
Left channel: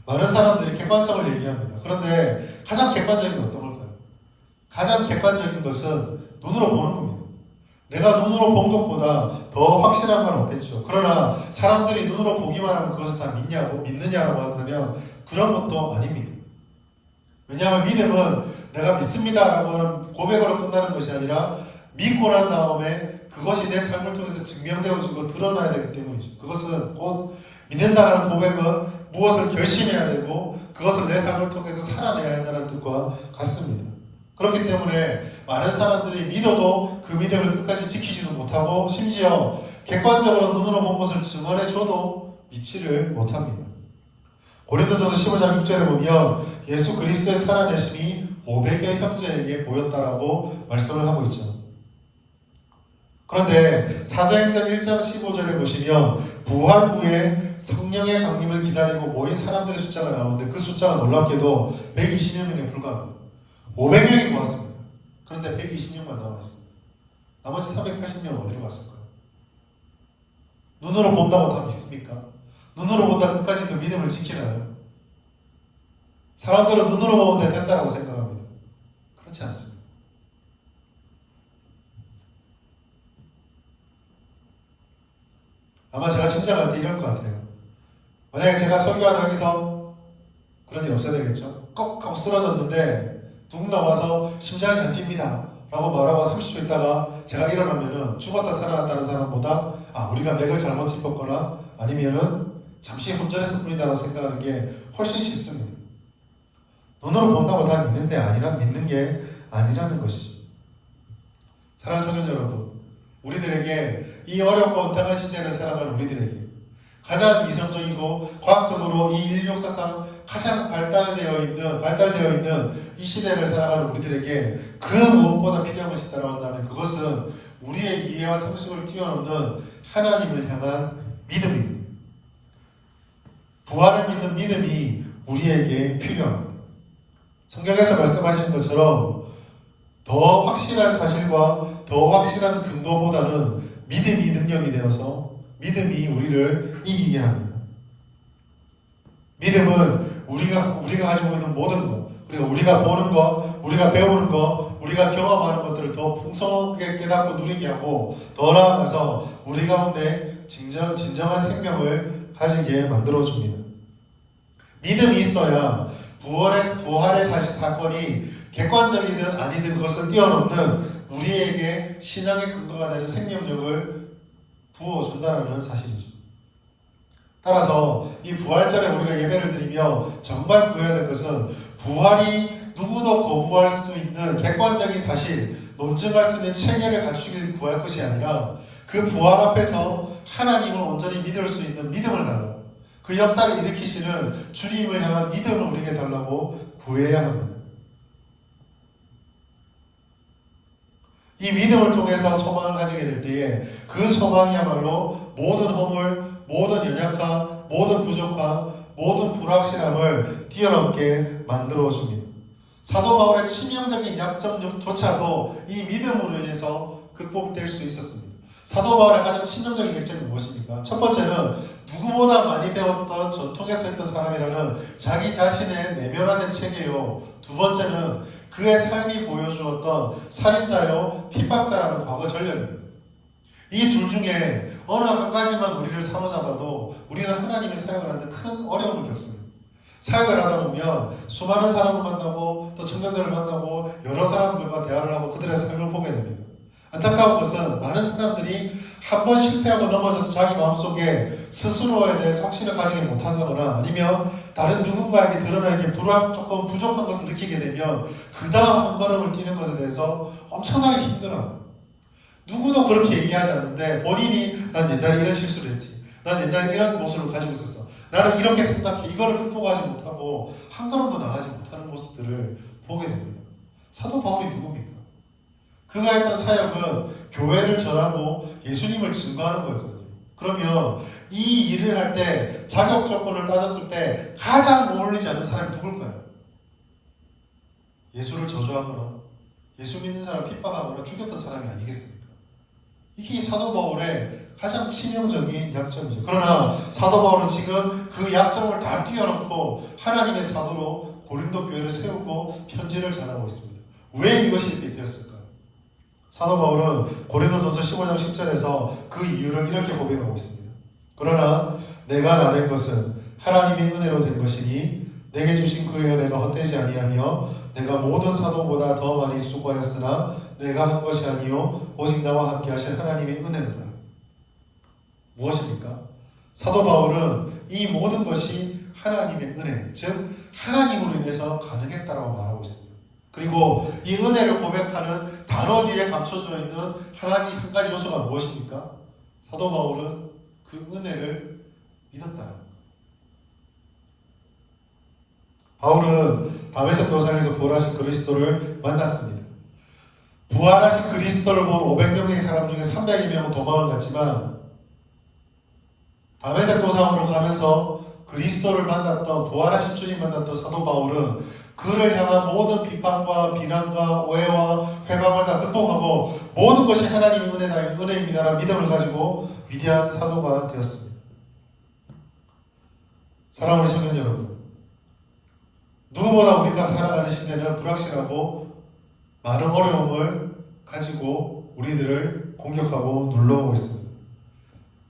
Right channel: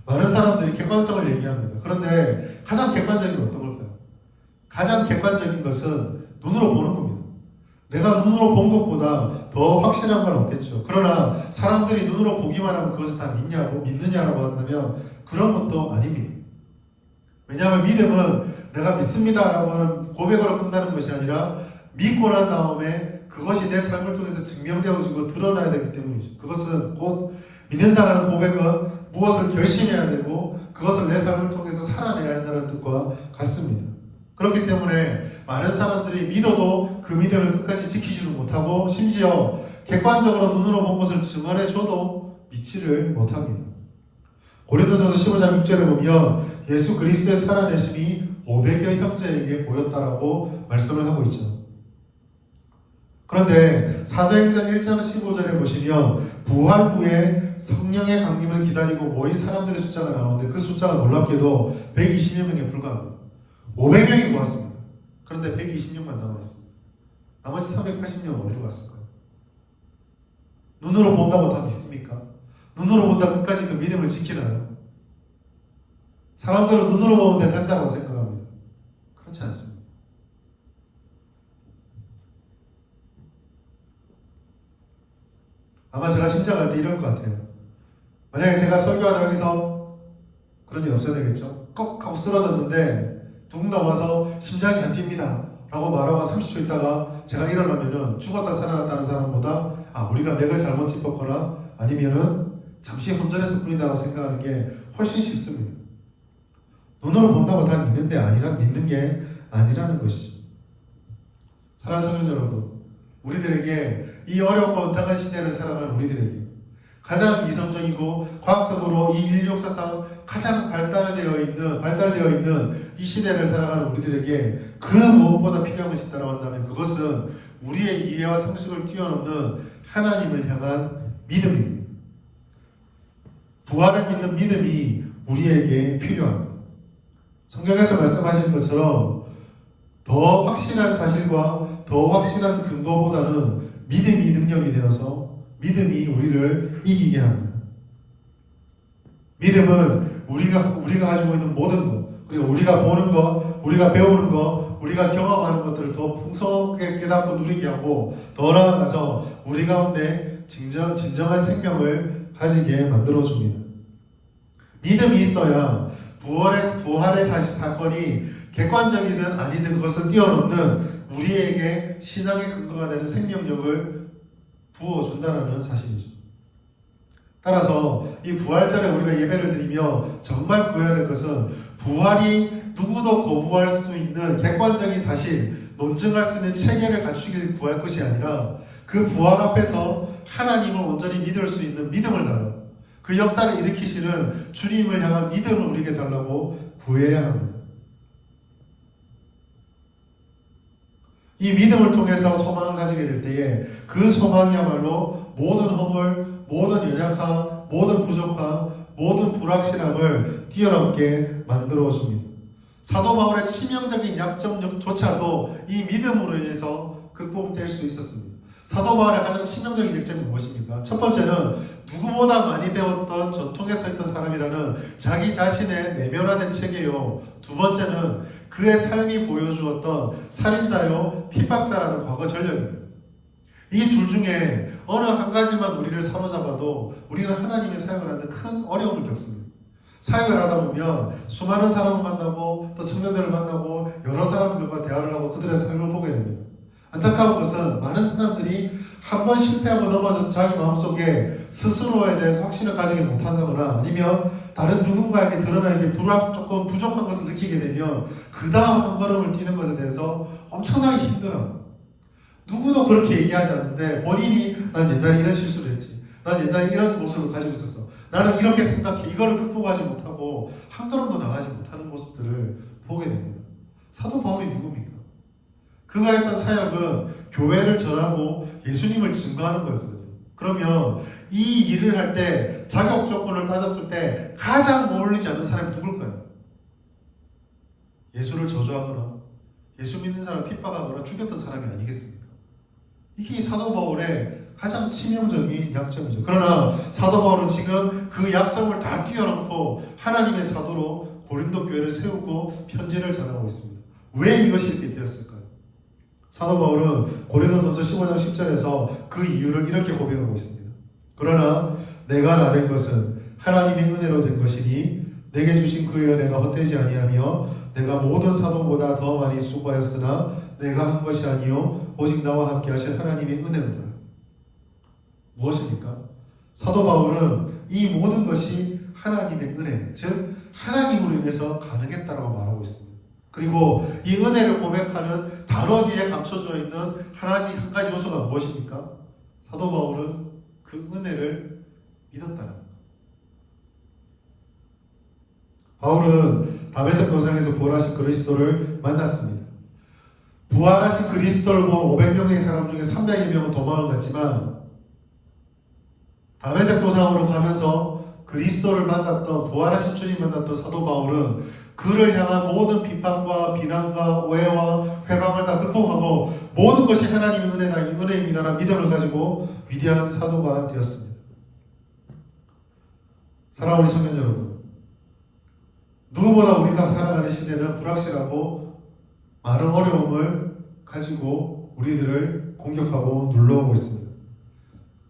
많은 사람들이 객관성을 얘기합니다. 그런데 가장 객관적인 건 어떤 걸까요? 가장 객관적인 것은 눈으로 보는 겁니다. 내가 눈으로 본 것보다 더 확실한 건 없겠죠. 그러나 사람들이 눈으로 보기만 하면 그것을 다 믿느냐라고 한다면 그런 것도 아닙니다. 왜냐하면 믿음은 내가 믿습니다라고 하는 고백으로 끝나는 것이 아니라 믿고 난 다음에 그것이 내 삶을 통해서 증명되어지고 드러나야 되기 때문이죠. 그것은 곧 믿는다라는 고백은 무엇을 결심해야 되고 그것을 내 삶을 통해서 살아내야 한다는 뜻과 같습니다. 그렇기 때문에 많은 사람들이 믿어도 그 믿음을 끝까지 지키지도 못하고 심지어 객관적으로 눈으로 본 것을 증언해줘도 믿지를 못합니다. 고린도전서 15장 6절에 보면 예수 그리스도의 살아내심이 500여 형제에게 보였다라고 말씀을 하고 있죠. 그런데 사도행전 1장 15절에 보시면 부활 후에 성령의 강림을 기다리고 모인 사람들의 숫자가 나오는데 그 숫자가 놀랍게도 120여 명에 불과합니다. 500명이 모았습니다. 그런데 120명만 남아있습니다. 나머지 380명은 어디로 갔을까요? 눈으로 본다고 다 믿습니까? 눈으로 본다 끝까지 그 믿음을 지키나요? 사람들은 눈으로 보면 된다고 생각합니다. 그렇지 않습니다. 아마 제가 심장할 때 이럴 것 같아요. 만약에 제가 설교하다 여기서 그런 일 없어야 되겠죠? 꺽 하고 쓰러졌는데 누군가 와서 심장이 안 뜁니다 라고 말하고 30초 있다가 제가 일어나면은 죽었다 살아났다는 사람보다 우리가 맥을 잘못 짚었거나 아니면은 잠시 혼자였을 뿐이다라고 생각하는 게 훨씬 쉽습니다. 눈으로 본다고 다 믿는 게 아니라는 것이. 사랑하는 청년 여러분, 우리들에게 이 어렵고 온당한 시대를 살아가는 우리들에게 가장 이성적이고 과학적으로 이 인류 역사상 가장 발달되어 있는 이 시대를 살아가는 우리들에게 그 무엇보다 필요한 것이 있다고 한다면 그것은 우리의 이해와 상식을 뛰어넘는 하나님을 향한 믿음입니다. 부활을 믿는 믿음이 우리에게 필요합니다. 성경에서 말씀하시는 것처럼 더 확실한 사실과 더 확실한 근거보다는 믿음이 능력이 되어서 믿음이 우리를 이기게 합니다. 믿음은 우리가 가지고 있는 모든 것, 그리고 우리가 보는 것, 우리가 배우는 것, 우리가 경험하는 것들을 더 풍성하게 깨닫고 누리게 하고 더 나아가서 우리 가운데 진정한 생명을 가지게 만들어줍니다. 믿음이 있어야 부활의 사건이 객관적이든 아니든 그것을 뛰어넘는 우리에게 신앙의 근거가 되는 생명력을 부어준다는 사실이죠. 따라서 이 부활절에 우리가 예배를 드리며 정말 구해야 될 것은 부활이 누구도 거부할 수 있는 객관적인 사실, 논증할 수 있는 체계를 갖추길 구할 것이 아니라 그 부활 앞에서 하나님을 온전히 믿을 수 있는 믿음을 달라고, 그 역사를 일으키시는 주님을 향한 믿음을 우리에게 달라고 구해야 합니다. 이 믿음을 통해서 소망을 가지게 될 때에 그 소망이야말로 모든 허물, 모든 연약함, 모든 부족함, 모든 불확실함을 뛰어넘게 만들어 줍니다. 사도 바울의 치명적인 약점조차도 이 믿음으로 인해서 극복될 수 있었습니다. 사도 바울의 가장 치명적인 약점은 무엇입니까? 첫 번째는 누구보다 많이 배웠던 전통에서 했던 사람이라는 자기 자신의 내면화된 체계요. 두 번째는 그의 삶이 보여주었던 살인자요 핍박자라는 과거 전력입니다. 이 둘 중에 어느 한 가지만 우리를 사로잡아도 우리는 하나님의 사역을 하는데 큰 어려움을 겪습니다. 사역을 하다 보면 수많은 사람을 만나고 또 청년들을 만나고 여러 사람들과 대화를 하고 그들의 삶을 보게 됩니다. 안타까운 것은 많은 사람들이 한 번 실패하고 넘어져서 자기 마음속에 스스로에 대해서 확신을 가지지 못한다거나 아니면 다른 누군가에게 드러나기 조금 부족한 것을 느끼게 되면 그 다음 한 걸음을 뛰는 것에 대해서 엄청나게 힘들어요. 누구도 그렇게 얘기하지 않는데 본인이 난 옛날에 이런 실수를 했지. 난 옛날에 이런 모습을 가지고 있었어. 나는 이렇게 생각해. 이거를 극복하지 못하고 한 걸음도 나가지 못하는 모습들을 보게 됩니다. 사도 바울이 누굽니까? 그가 했던 사역은 교회를 전하고 예수님을 증거하는 거였거든요. 그러면 이 일을 할 때 자격 조건을 따졌을 때 가장 어울리지 않는 사람이 누굴까요? 예수를 저주하거나 예수 믿는 사람을 핍박하거나 죽였던 사람이 아니겠습니까? 이게 사도 바울의 가장 치명적인 약점이죠. 그러나 사도 바울은 지금 그 약점을 다 뛰어넘고 하나님의 사도로 고린도 교회를 세우고 편지를 전하고 있습니다. 왜 이것이 이렇게 되었을까요? 사도 바울은 고린도전서 15장 10절에서 그 이유를 이렇게 고백하고 있습니다. 그러나 내가 나된 것은 하나님의 은혜로 된 것이니 내게 주신 그의 은혜가 헛되지 아니하며 내가 모든 사도보다 더 많이 수고하였으나 내가 한 것이 아니요 오직 나와 함께 하신 하나님의 은혜입니다. 무엇입니까? 사도 바울은 이 모든 것이 하나님의 은혜, 즉 하나님으로 인해서 가능했다라고 말하고 있습니다. 그리고 이 은혜를 고백하는 단어 뒤에 감춰져 있는 한 가지 요소가 무엇입니까? 사도 바울은 그 은혜를 믿었다는 겁니다. 바울은 다메섹 도상에서 부활하신 그리스도를 만났습니다. 부활하신 그리스도를 본 500명의 사람 중에 300여 명은 도망을 갔지만 다메섹 도상으로 가면서 그리스도를 만났던 부활하신 주님 만났던 사도 바울은 그를 향한 모든 비판과 비난과 오해와 회방을 다 극복하고 모든 것이 하나님의 은혜입니다라는 믿음을 가지고 위대한 사도가 되었습니다. 사랑하는 청년 여러분, 누구보다 우리가 살아가는 시대는 불확실하고 많은 어려움을 가지고 우리들을 공격하고 눌러오고 있습니다.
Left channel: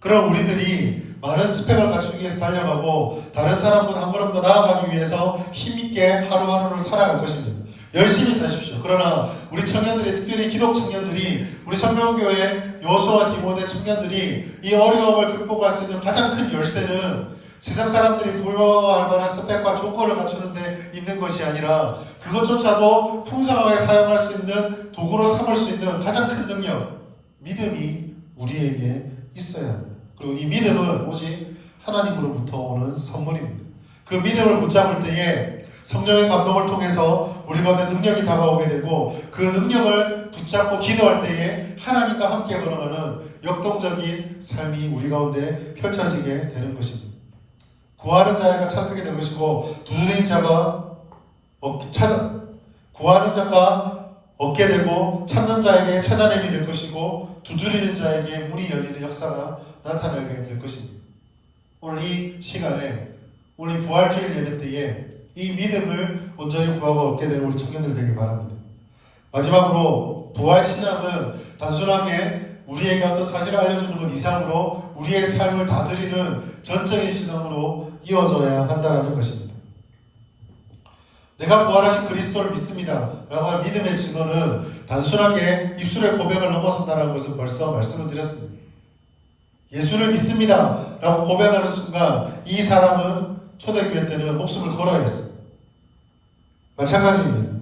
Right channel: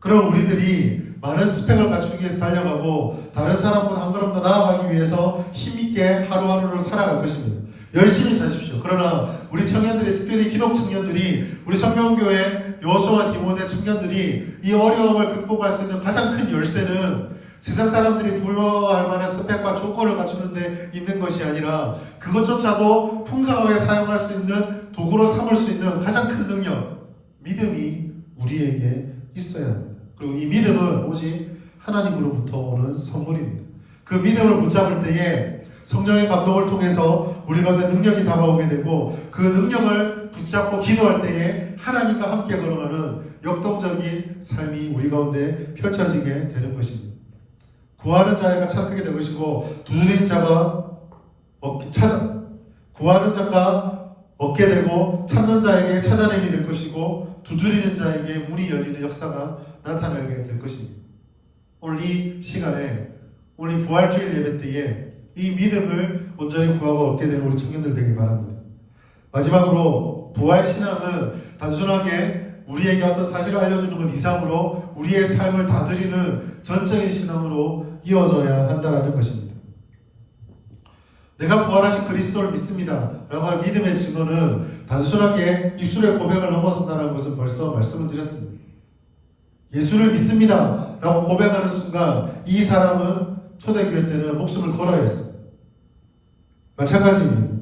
그럼 우리들이 많은 스펙을 갖추기 위해서 달려가고 다른 사람보다 한 걸음 더 나아가기 위해서 힘있게 하루하루를 살아갈 것입니다. 열심히 사십시오. 그러나 우리 청년들이, 특별히 기독 청년들이, 우리 성명교회 여호수아 디모데 청년들이 이 어려움을 극복할 수 있는 가장 큰 열쇠는 세상 사람들이 부러워할 만한 스펙과 조건을 갖추는 데 있는 것이 아니라 그것조차도 풍성하게 사용할 수 있는 도구로 삼을 수 있는 가장 큰 능력, 믿음이 우리에게 있어야 합니다. 그리고 이 믿음은 오직 하나님으로부터 오는 선물입니다. 그 믿음을 붙잡을 때에 성령의 감동을 통해서 우리 가운데 능력이 다가오게 되고 그 능력을 붙잡고 기도할 때에 하나님과 함께 걸어가는 역동적인 삶이 우리 가운데 펼쳐지게 되는 것입니다. 구하는 자가 찾게 될 것이고 두드리는 자가 구하는 자가 얻게 되고 찾는 자에게 찾아내게 될 것이고 두드리는 자에게 문이 열리는 역사가 나타나게 될 것입니다. 오늘 이 시간에 우리 부활주일 예배 때에 이 믿음을 온전히 구하고 얻게 되는 우리 청년들 되길 바랍니다. 마지막으로 부활신앙은 단순하게 우리에게 어떤 사실을 알려주는 것 이상으로 우리의 삶을 다스리는 전적인 신앙으로 이어져야 한다는 것입니다. 내가 부활하신 그리스도를 믿습니다 라고 하는 믿음의 증언은 단순하게 입술의 고백을 넘어선다는 것을 벌써 말씀을 드렸습니다. 예수를 믿습니다 라고 고백하는 순간 이 사람은 초대교회 때는 목숨을 걸어야 했습니다. 마찬가지입니다.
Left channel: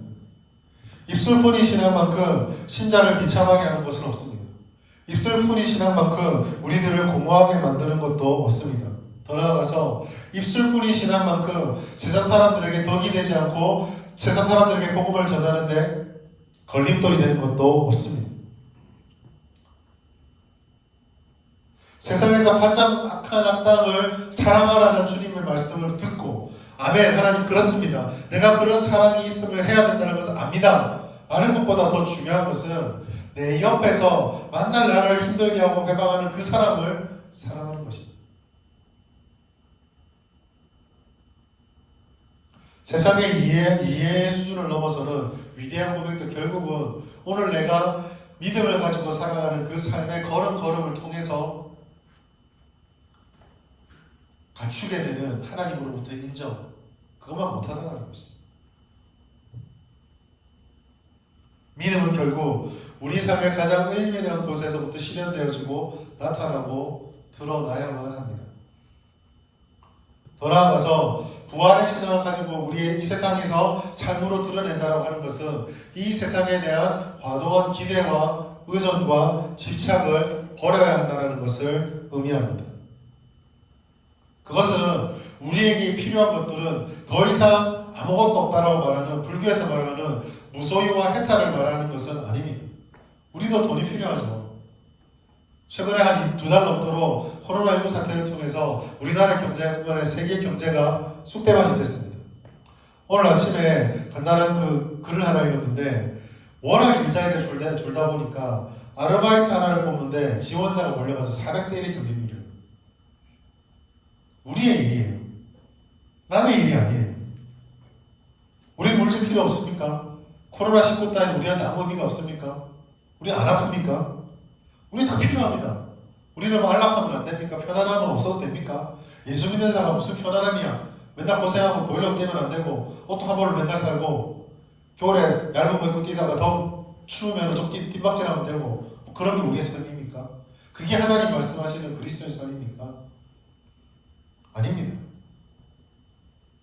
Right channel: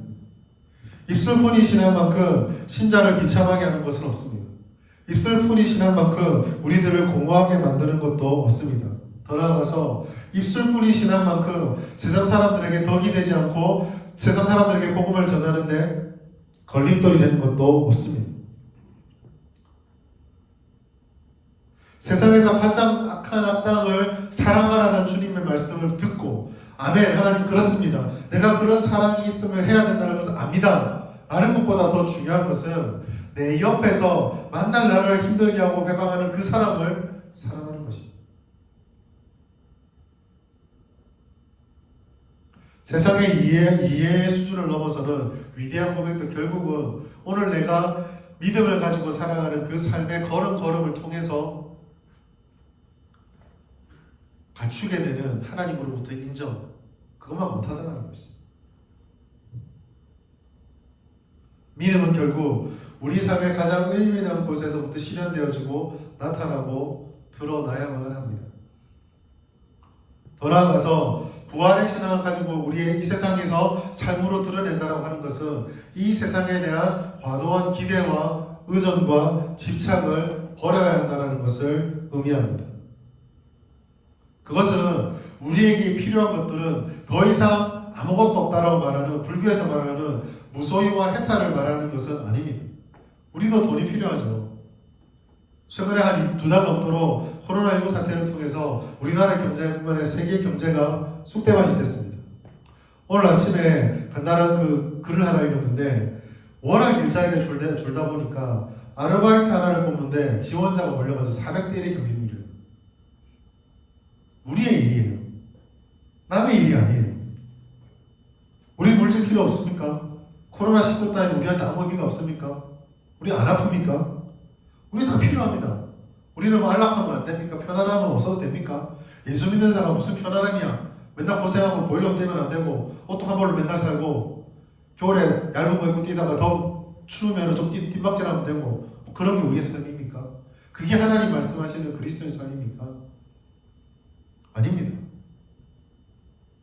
입술뿐이 신앙만큼 신자를 비참하게 하는 것은 없습니다. 입술뿐이 신앙만큼 우리들을 공허하게 만드는 것도 없습니다. 더 나아가서 입술뿐이 신앙만큼 세상 사람들에게 덕이 되지 않고 세상 사람들에게 복음을 전하는데 걸림돌이 되는 것도 없습니다. 세상에서 가장 악한 악당을 사랑하라는 주님의 말씀을 듣고 아멘 하나님 그렇습니다. 내가 그런 사랑이 있음을 해야 된다는 것을 압니다. 아는 것보다 더 중요한 것은 내 옆에서 만날 나를 힘들게 하고 회방하는 그 사람을 사랑하는 것입니다. 세상의 이해의 수준을 넘어서는 위대한 고백도 결국은 오늘 내가 믿음을 가지고 살아가는 그 삶의 걸음걸음을 통해서 갖추게 되는 하나님으로부터 인정, 그것만 못하다는 것이죠. 믿음은 결국 우리 삶의 가장 일밀한 곳에서부터 실현되어지고 나타나고 드러나야만 합니다. 더 나아가서 부활의 신앙을 가지고 우리의 이 세상에서 삶으로 드러낸다고 하는 것은 이 세상에 대한 과도한 기대와 의존과 집착을 버려야 한다는 것을 의미합니다. 그것은 우리에게 필요한 것들은 더 이상 아무것도 없다라고 말하는 불교에서 말하는 무소유와 해탈을 말하는 것은 아닙니다. 우리도 돈이 필요하죠. 최근에 한 2달 넘도록 코로나19 사태를 통해서 우리나라 경제뿐만 세계 경제가 쑥대밭이 됐습니다. 오늘 아침에 간단한 그 글을 하나 읽었는데 워낙 일자리가 줄다 보니까 아르바이트 하나를 뽑는데 지원자가 몰려가서 400대 1의 경쟁률이에요. 우리의 일이에요. 남의 일이 아니에요. 우리 물질 필요 없습니까? 코로나19 따윈 우리한테 아무 의미가 없습니까? 우리 안 아픕니까? 우리 다 필요합니다. 우리는 뭐 안락하면 안 됩니까? 편안하면 없어도 됩니까? 예수 믿는 사람 무슨 편안함이야? 맨날 고생하고 보일러 때면 안 되고 옷도 한 벌로 맨날 살고 겨울에 얇은 거 입고 뛰다가 더 추우면 좀 뒷박질하면 되고 뭐 그런 게 우리의 삶입니까? 그게 하나님 말씀하시는 그리스도의 삶입니까? 아닙니다.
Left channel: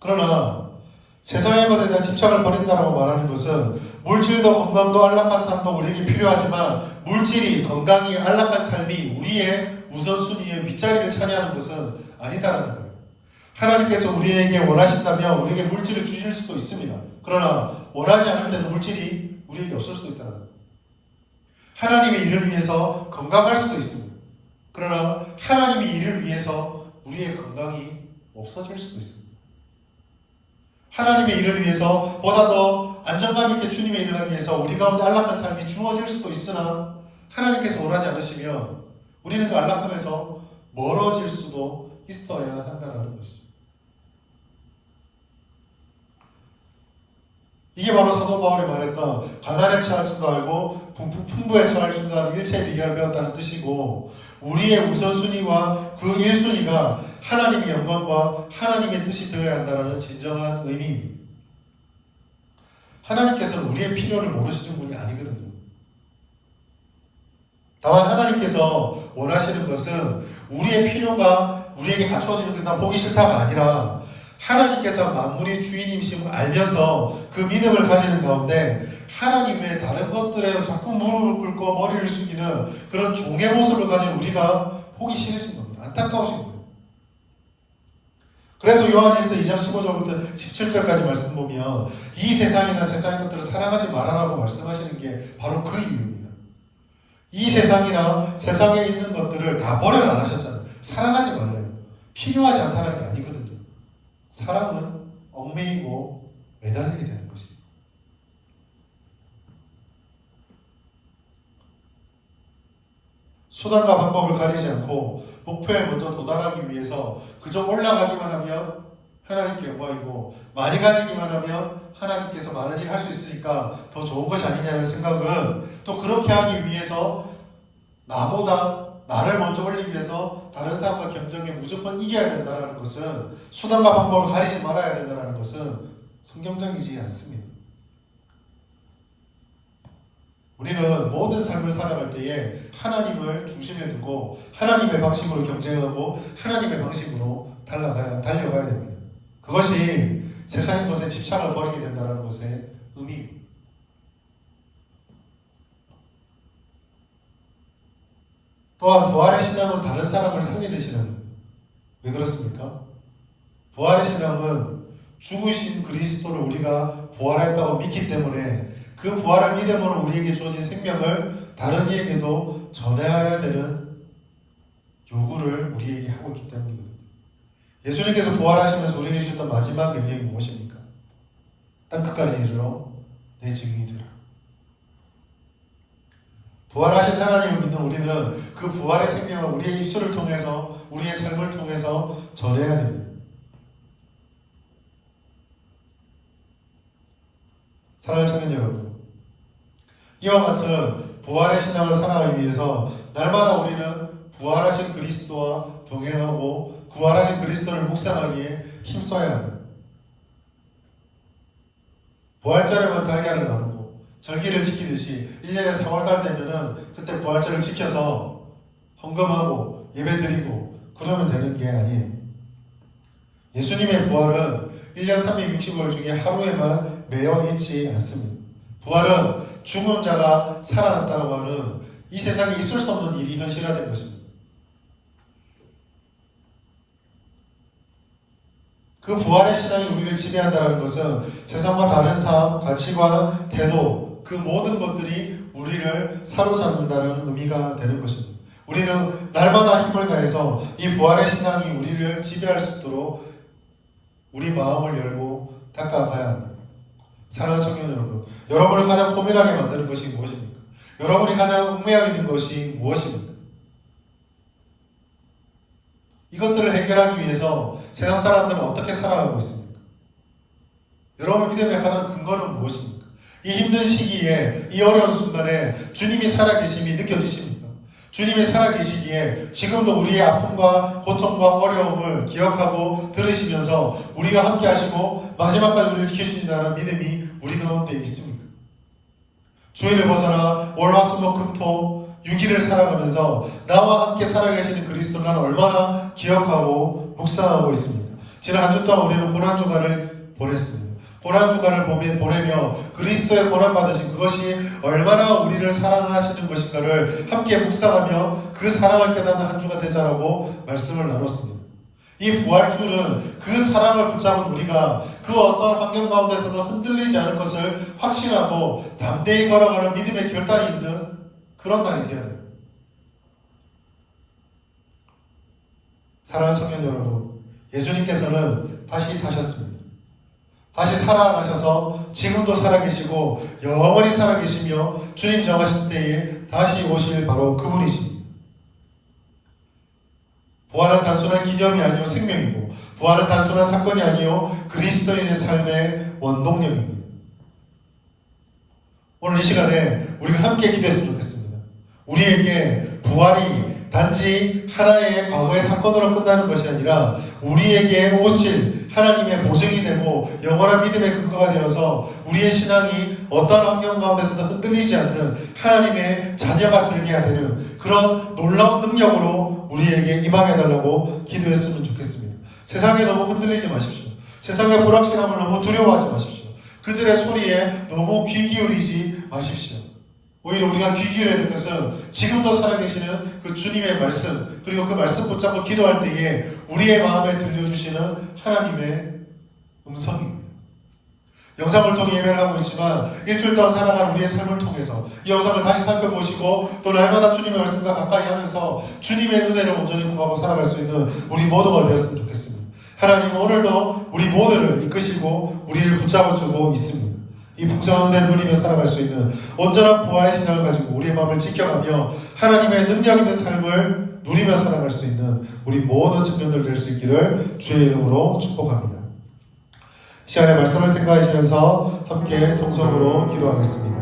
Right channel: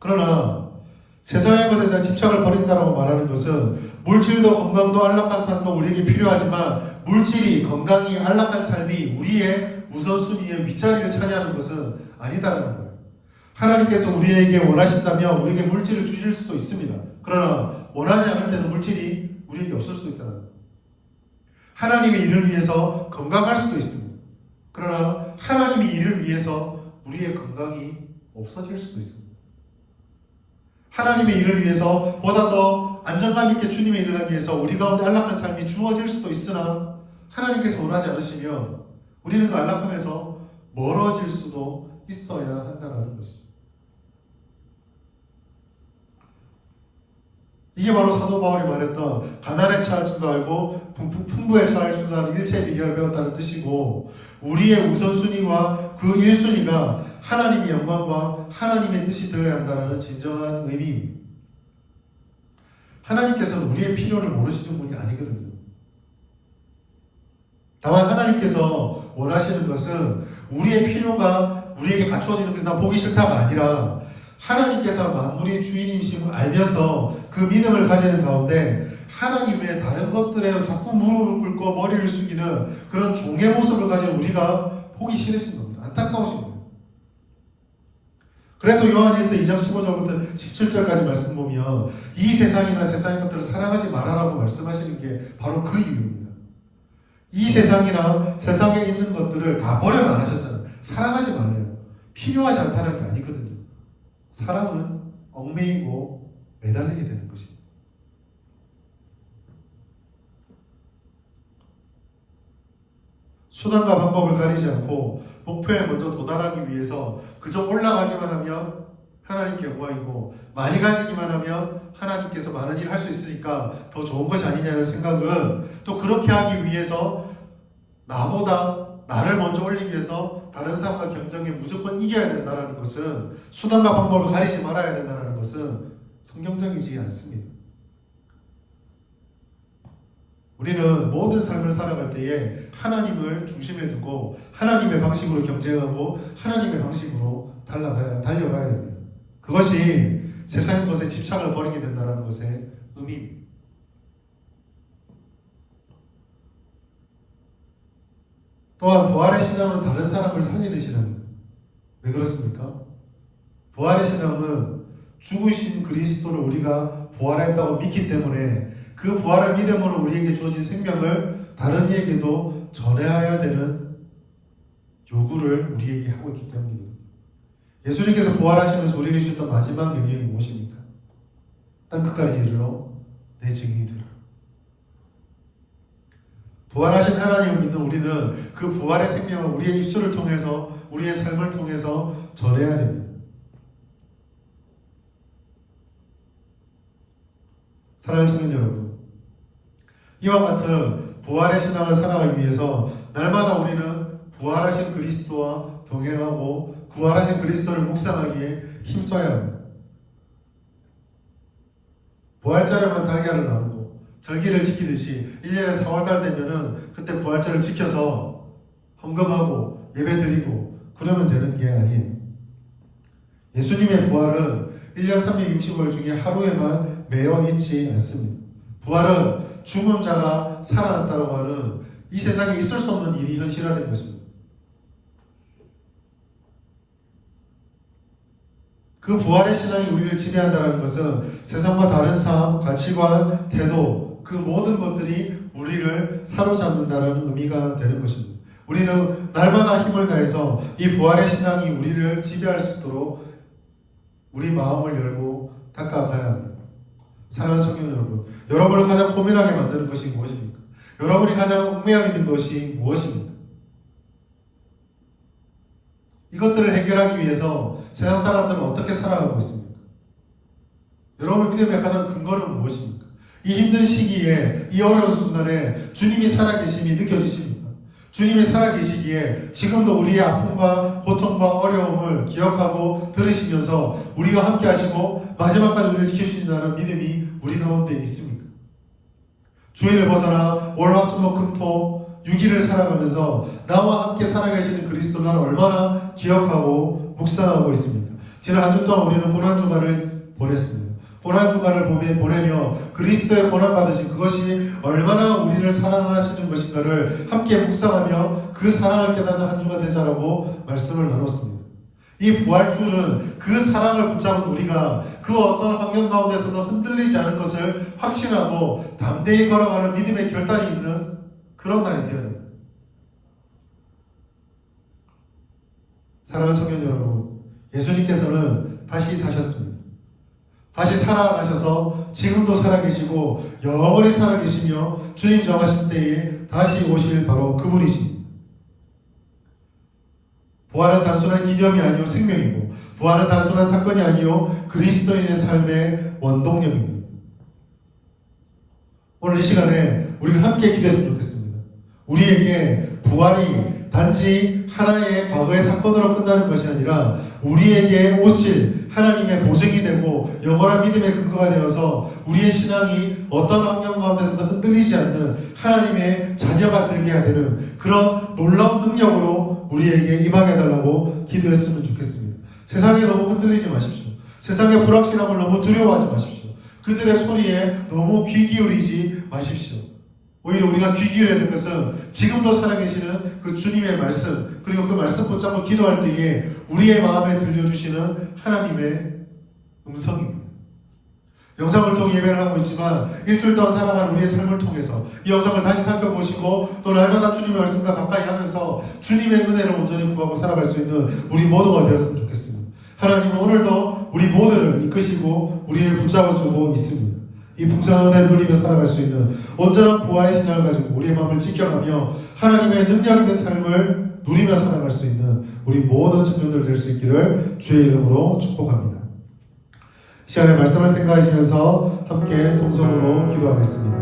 그러나 세상의 것에 대한 집착을 버린다라고 말하는 것은 물질도 건강도 안락한 삶도 우리에게 필요하지만 물질이 건강이 안락한 삶이 우리의 우선순위의 윗자리를 차지하는 것은 아니다라는 거예요. 하나님께서 우리에게 원하신다면 우리에게 물질을 주실 수도 있습니다. 그러나 원하지 않을 때는 물질이 우리에게 없을 수도 있다는 거예요. 하나님의 일을 위해서 건강할 수도 있습니다. 그러나 하나님의 일을 위해서 우리의 건강이 없어질 수도 있습니다. 하나님의 일을 위해서 보다 더 안정감 있게 주님의 일을 하기 위해서 우리 가운데 안락한 삶이 주어질 수도 있으나 하나님께서 원하지 않으시면 우리는 그 안락함에서 멀어질 수도 있어야 한다는 것이죠. 이게 바로 사도 바울이 말했던 가난에 처할 줄도 알고 풍부에 처할 줄도 아는 일체의 비결을 배웠다는 뜻이고 우리의 우선순위와 그 1순위가 하나님의 영광과 하나님의 뜻이 되어야 한다는 진정한 의미입니다. 하나님께서는 우리의 필요를 모르시는 분이 아니거든요. 다만 하나님께서 원하시는 것은 우리의 필요가 우리에게 갖추어지는 것이 난 보기 싫다가 아니라 하나님께서 만물의 주인이심을 알면서 그 믿음을 가지는 가운데 하나님 외에 다른 것들에 자꾸 무릎을 꿇고 머리를 숙이는 그런 종의 모습을 가진 우리가 보기 싫으신 겁니다. 안타까우신 거예요. 그래서 요한일서 2장 15절부터 17절까지 말씀 보면 이 세상이나 세상의 것들을 사랑하지 말아라고 말씀하시는 게 바로 그 이유입니다. 이 세상이나 세상에 있는 것들을 다 버려라 안 하셨잖아요. 사랑하지 말래요. 필요하지 않다는 게 아니거든요. 사랑은 얽매이고 매달리게 되는 것입니다. 수단과 방법을 가리지 않고 목표에 먼저 도달하기 위해서 그저 올라가기만 하면 하나님께 영광이고 많이 가지기만 하면 하나님께서 많은 일을 할 수 있으니까 더 좋은 것이 아니냐는 생각은 또 그렇게 하기 위해서 나보다 나를 먼저 올리기 위해서 다른 사람과 경쟁에 무조건 이겨야 된다는 것은 수단과 방법을 가리지 말아야 된다는 것은 성경적이지 않습니다. 우리는 모든 삶을 살아갈 때에 하나님을 중심에 두고 하나님의 방식으로 경쟁하고 하나님의 방식으로 달려가야 됩니다. 그것이 세상의 것에 집착을 버리게 된다는 것의 의미입니다. 또한 부활의 신앙은 다른 사람을 살리시는 거예요. 왜 그렇습니까? 부활의 신앙은 죽으신 그리스도를 우리가 부활했다고 믿기 때문에 그 부활을 믿음으로 우리에게 주어진 생명을 다른 이에게도 전해야 되는 요구를 우리에게 하고 있기 때문입니다. 예수님께서 부활하시면서 우리에게 주셨던 마지막 명령이 무엇입니까? 땅끝까지 이르러 내 증인이 되라. 부활하신 하나님을 믿는 우리는 그 부활의 생명을 우리의 입술을 통해서, 우리의 삶을 통해서 전해야 됩니다. 사랑하는 청년 여러분, 이와 같은 부활의 신앙을 살아가기 위해서 날마다 우리는 부활하신 그리스도와 동행하고 부활하신 그리스도를 묵상하기에 힘써야 합니다. 부활절에만 달걀을 나누고 절기를 지키듯이 1년에 4월달 되면은 그때 부활절을 지켜서 헌금하고 예배드리고 그러면 되는 게 아니에요. 예수님의 부활은 1년 365일 중에 하루에만 매여 있지 않습니다. 부활은 죽은 자가 살아났다고 하는 이 세상에 있을 수 없는 일이 현실화된 것입니다. 그 부활의 신앙이 우리를 지배한다는 것은 세상과 다른 삶, 가치관, 태도, 그 모든 것들이 우리를 사로잡는다는 의미가 되는 것입니다. 우리는 날마다 힘을 다해서 이 부활의 신앙이 우리를 지배할 수 있도록 우리 마음을 열고 닦아가야 합니다. 사랑하는 청년 여러분, 여러분을 가장 고민하게 만드는 것이 무엇입니까? 여러분이 가장 얽매여 있는 것이 무엇입니까? 이것들을 해결하기 위해서 세상 사람들은 어떻게 살아가고 있습니까? 여러분의 믿음의 가장 근거는 무엇입니까? 이 힘든 시기에, 이 어려운 순간에 주님이 살아계심이 느껴지십니까? 주님이 살아계시기에 지금도 우리의 아픔과 고통과 어려움을 기억하고 들으시면서 우리가 함께 하시고 마지막까지 우리를 지키시다는 믿음이 우리 가운데 있습니까? 주일을 벗어나 월화수목금토 6일을 살아가면서 나와 함께 살아계시는 그리스도를 나는 얼마나 기억하고 묵상하고 있습니다. 지난 한 주 동안 우리는 고난주간을 보냈습니다. 고난주간을 보내며 그리스도의 고난받으신 그것이 얼마나 우리를 사랑하시는 것인가를 함께 묵상하며 그 사랑을 깨닫는 한 주가 되자라고 말씀을 나눴습니다. 이 부활주일은 그 사랑을 붙잡은 우리가 그 어떤 환경 가운데서도 흔들리지 않을 것을 확신하고 담대히 걸어가는 믿음의 결단이 있는 그런 날이 되어야 됩니다. 사랑하는 청년 여러분, 예수님께서는 다시 사셨습니다. 다시 살아나셔서 지금도 살아계시고 영원히 살아계시며 주님 정하신 때에 다시 오실 바로 그분이십니다. 부활은 단순한 기념이 아니요 생명이고 부활은 단순한 사건이 아니요 그리스도인의 삶의 원동력입니다. 오늘 이 시간에 우리가 함께 기도했으면 좋겠습니다. 우리에게 부활이 단지 하나의 과거의 사건으로 끝나는 것이 아니라 우리에게 오실 하나님의 보증이 되고 영원한 믿음의 근거가 되어서 우리의 신앙이 어떤 환경 가운데서도 흔들리지 않는 하나님의 자녀가 되게 해야 되는 그런 놀라운 능력으로 우리에게 임하게 해달라고 기도했으면 좋겠습니다. 세상에 너무 흔들리지 마십시오. 세상의 불확실함을 너무 두려워하지 마십시오. 그들의 소리에 너무 귀 기울이지 마십시오. 오히려 우리가 귀 기울여야 될 것은 지금도 살아계시는 그 주님의 말씀, 그리고 그 말씀 붙잡고 기도할 때에 우리의 마음에 들려주시는 하나님의 음성입니다. 영상을 통해 예배를 하고 있지만 일주일 동안 살아간 우리의 삶을 통해서 이 영상을 다시 살펴보시고 또 날마다 주님의 말씀과 가까이 하면서 주님의 은혜를 온전히 구하고 살아갈 수 있는 우리 모두가 되었으면 좋겠습니다. 하나님은 오늘도 우리 모두를 이끄시고 우리를 붙잡아주고 있습니다. 이 풍성한 은혜를 누리며 살아갈 수 있는 온전한 부활의 신앙을 가지고 우리의 마음을 지켜가며 하나님의 능력 있는 삶을 누리며 살아갈 수 있는 우리 모든 청년들 될 수 있기를 주의 이름으로 축복합니다. 이 시간에 말씀을 생각하시면서 함께 동성으로 기도하겠습니다.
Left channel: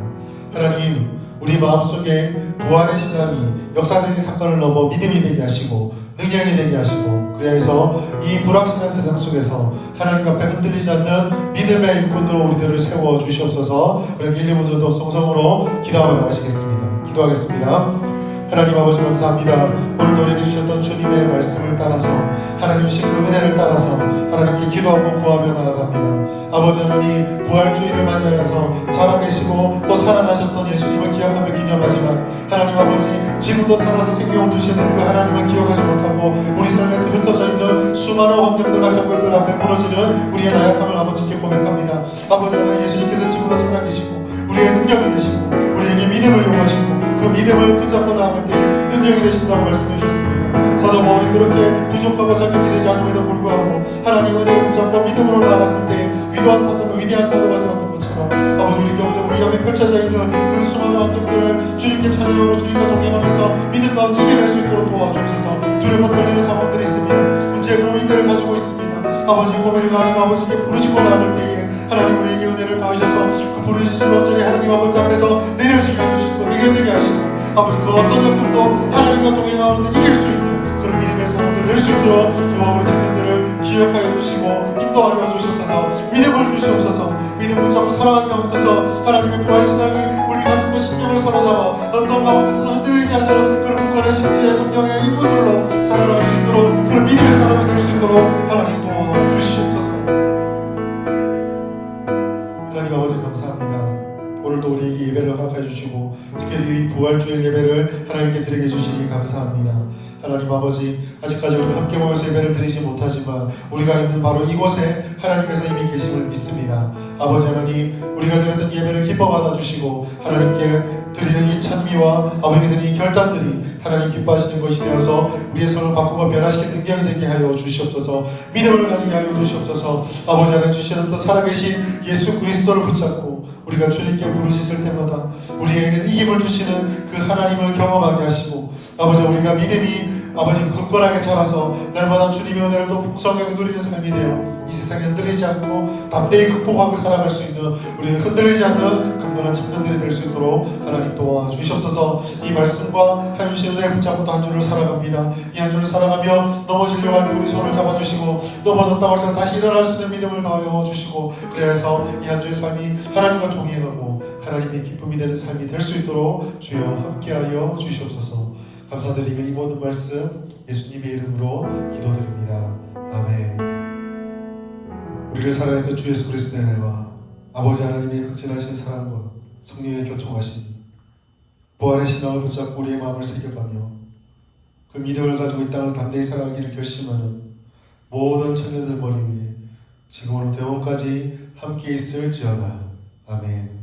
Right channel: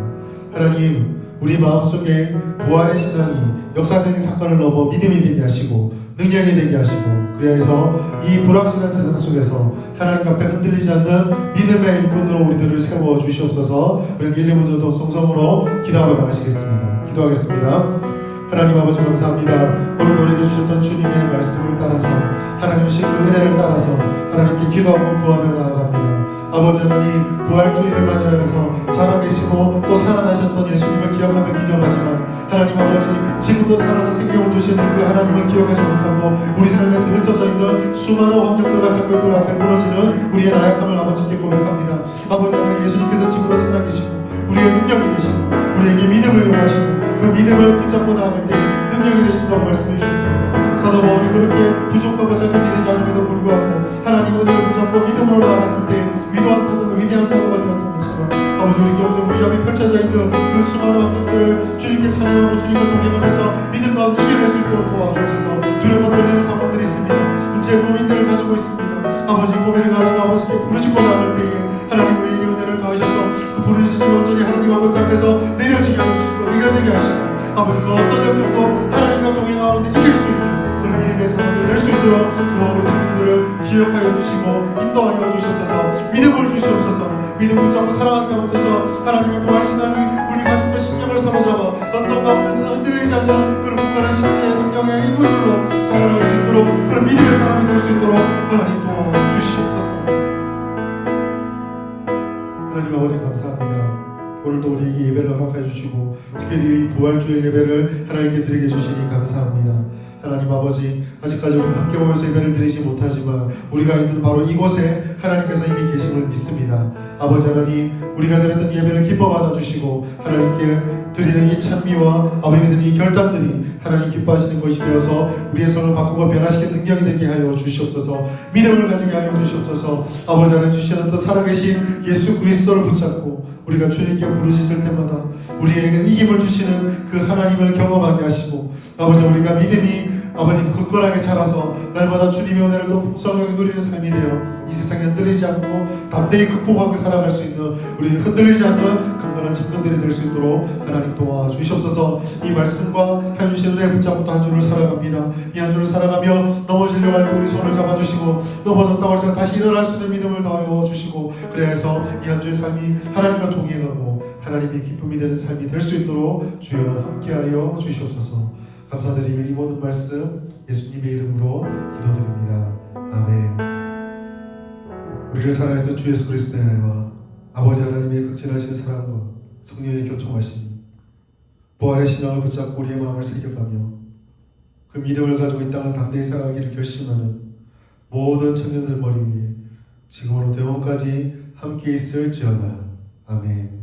하나님, 우리 마음속에 부활의 신앙이 역사적인 사건을 넘어 믿음이 되게 하시고 능력이 되게 하시고 그래서 이 불확실한 세상 속에서 하나님 앞에 흔들리지 않는 믿음의 일꾼으로 우리들을 세워 주시옵소서. 우리 1, 2분 동성으로 기도하며 나가시겠습니다. 기도하겠습니다. 하나님 아버지 감사합니다. 오늘도 우리에게 주셨던 주님의 말씀을 따라서 하나님 신 그 은혜를 따라서 하나님께 기도하고 구하며 나아갑니다. 아버지 하나님 부활주의를 맞이하여서 살아계시고 또 살아나셨던 예수님을 기억하며 기념하지만 하나님 아버지 지금도 살아서 생명을 주시는 그 하나님을 기억하지 못하고 우리 삶에 흩어져 있는 수많은 환경들과 장면들 앞에 무너지는 우리의 나약함을 아버지께 고백합니다. 아버지 하나님 예수님께서 지금도 살아계시고 우리의 능력이 되시고 우리에게 믿음을 요구하시고 그 믿음을 붙잡고 나아갈 때 능력이 되신다고 말씀해 주셨습니다. 사도 아버지 그 어떤 역경도 하나님과 동행하는 이길 수 있는 그런 믿음의 사람들 될 수 있도록 우리 청년들을 기억하여 주시고 인도하여 주시옵소서. 믿음을 주시옵소서. 믿음 붙잡고 살아가게 하옵소서. 하나님의 부활신앙이 우리 가슴과 심령을 사로잡아 어떤 가운데서 흔들리지 않는 그런 굳건한 심지의 성령의 인물들로 살아갈 수 있도록 그런 믿음의 사람이 될 수 있도록 하나님 도와주시옵소서. 하나님 아버지 감사합니다. 오늘도 우리에게 예배를 허락해 주시고 특별히 이 부활주일 예배를 하나님께 드리게 주시니 감사합니다. 하나님 아버지 아직까지 우리 함께 모여서 예배를 드리지 못하지만 우리가 있는 바로 이곳에 하나님께서 이미 계심을 믿습니다. 아버지 하나님 우리가 드렸던 예배를 기뻐 받아주시고 하나님께 드리는 이 찬미와 아버지께 드리는 이 결단들이 하나님 기뻐하시는 것이 되어서 우리의 삶을 바꾸고 변화시키는 능력이 되게 하여 주시옵소서. 믿음을 가지게 하여 주시옵소서. 아버지 하나님 주시는 살아계신 예수 그리스도를 붙잡고 우리가 주님께 부르짖을 때마다 우리에게 힘을 주시는 그 하나님을 경험하게 하시고 아버지 우리가 믿음이 아버지 굳건하게 자라서 날마다 주님의 은혜를 더 풍성하게 누리는 삶이 되어 이 세상에 흔들리지 않고 담대히 극복하고 살아갈 수 있는 우리가 흔들리지 않는 강건한 청년들이 될 수 있도록 하나님 도와주시옵소서. 이 말씀과 해주신 은혜를 붙잡고 또 한 주를 살아갑니다. 이 한 주를 살아가며 넘어지려고 할 때 우리 손을 잡아주시고 넘어졌다고 할때 다시 일어날 수 있는 믿음을 더하여 주시고 그래야 해서 이 한 주의 삶이 하나님과 동행하고 하나님의 기쁨이 되는 삶이 될 수 있도록 주여 함께하여 주시옵소서. 감사드리며 이 모든 말씀 예수님의 이름으로 기도드립니다. 아멘. 우리를 살아있는 주 예수 그리스도의 은혜와 아버지 하나님의 극진하신 사랑과 성령의 교통하심 부활의 신앙을 붙잡고 우리의 마음을 새겨가며 그 믿음을 가지고 이 땅을 담대히 살아가기를 결심하는 모든 청년들 머리 위에 지금으로 대원까지 함께 있을지어다. 아멘.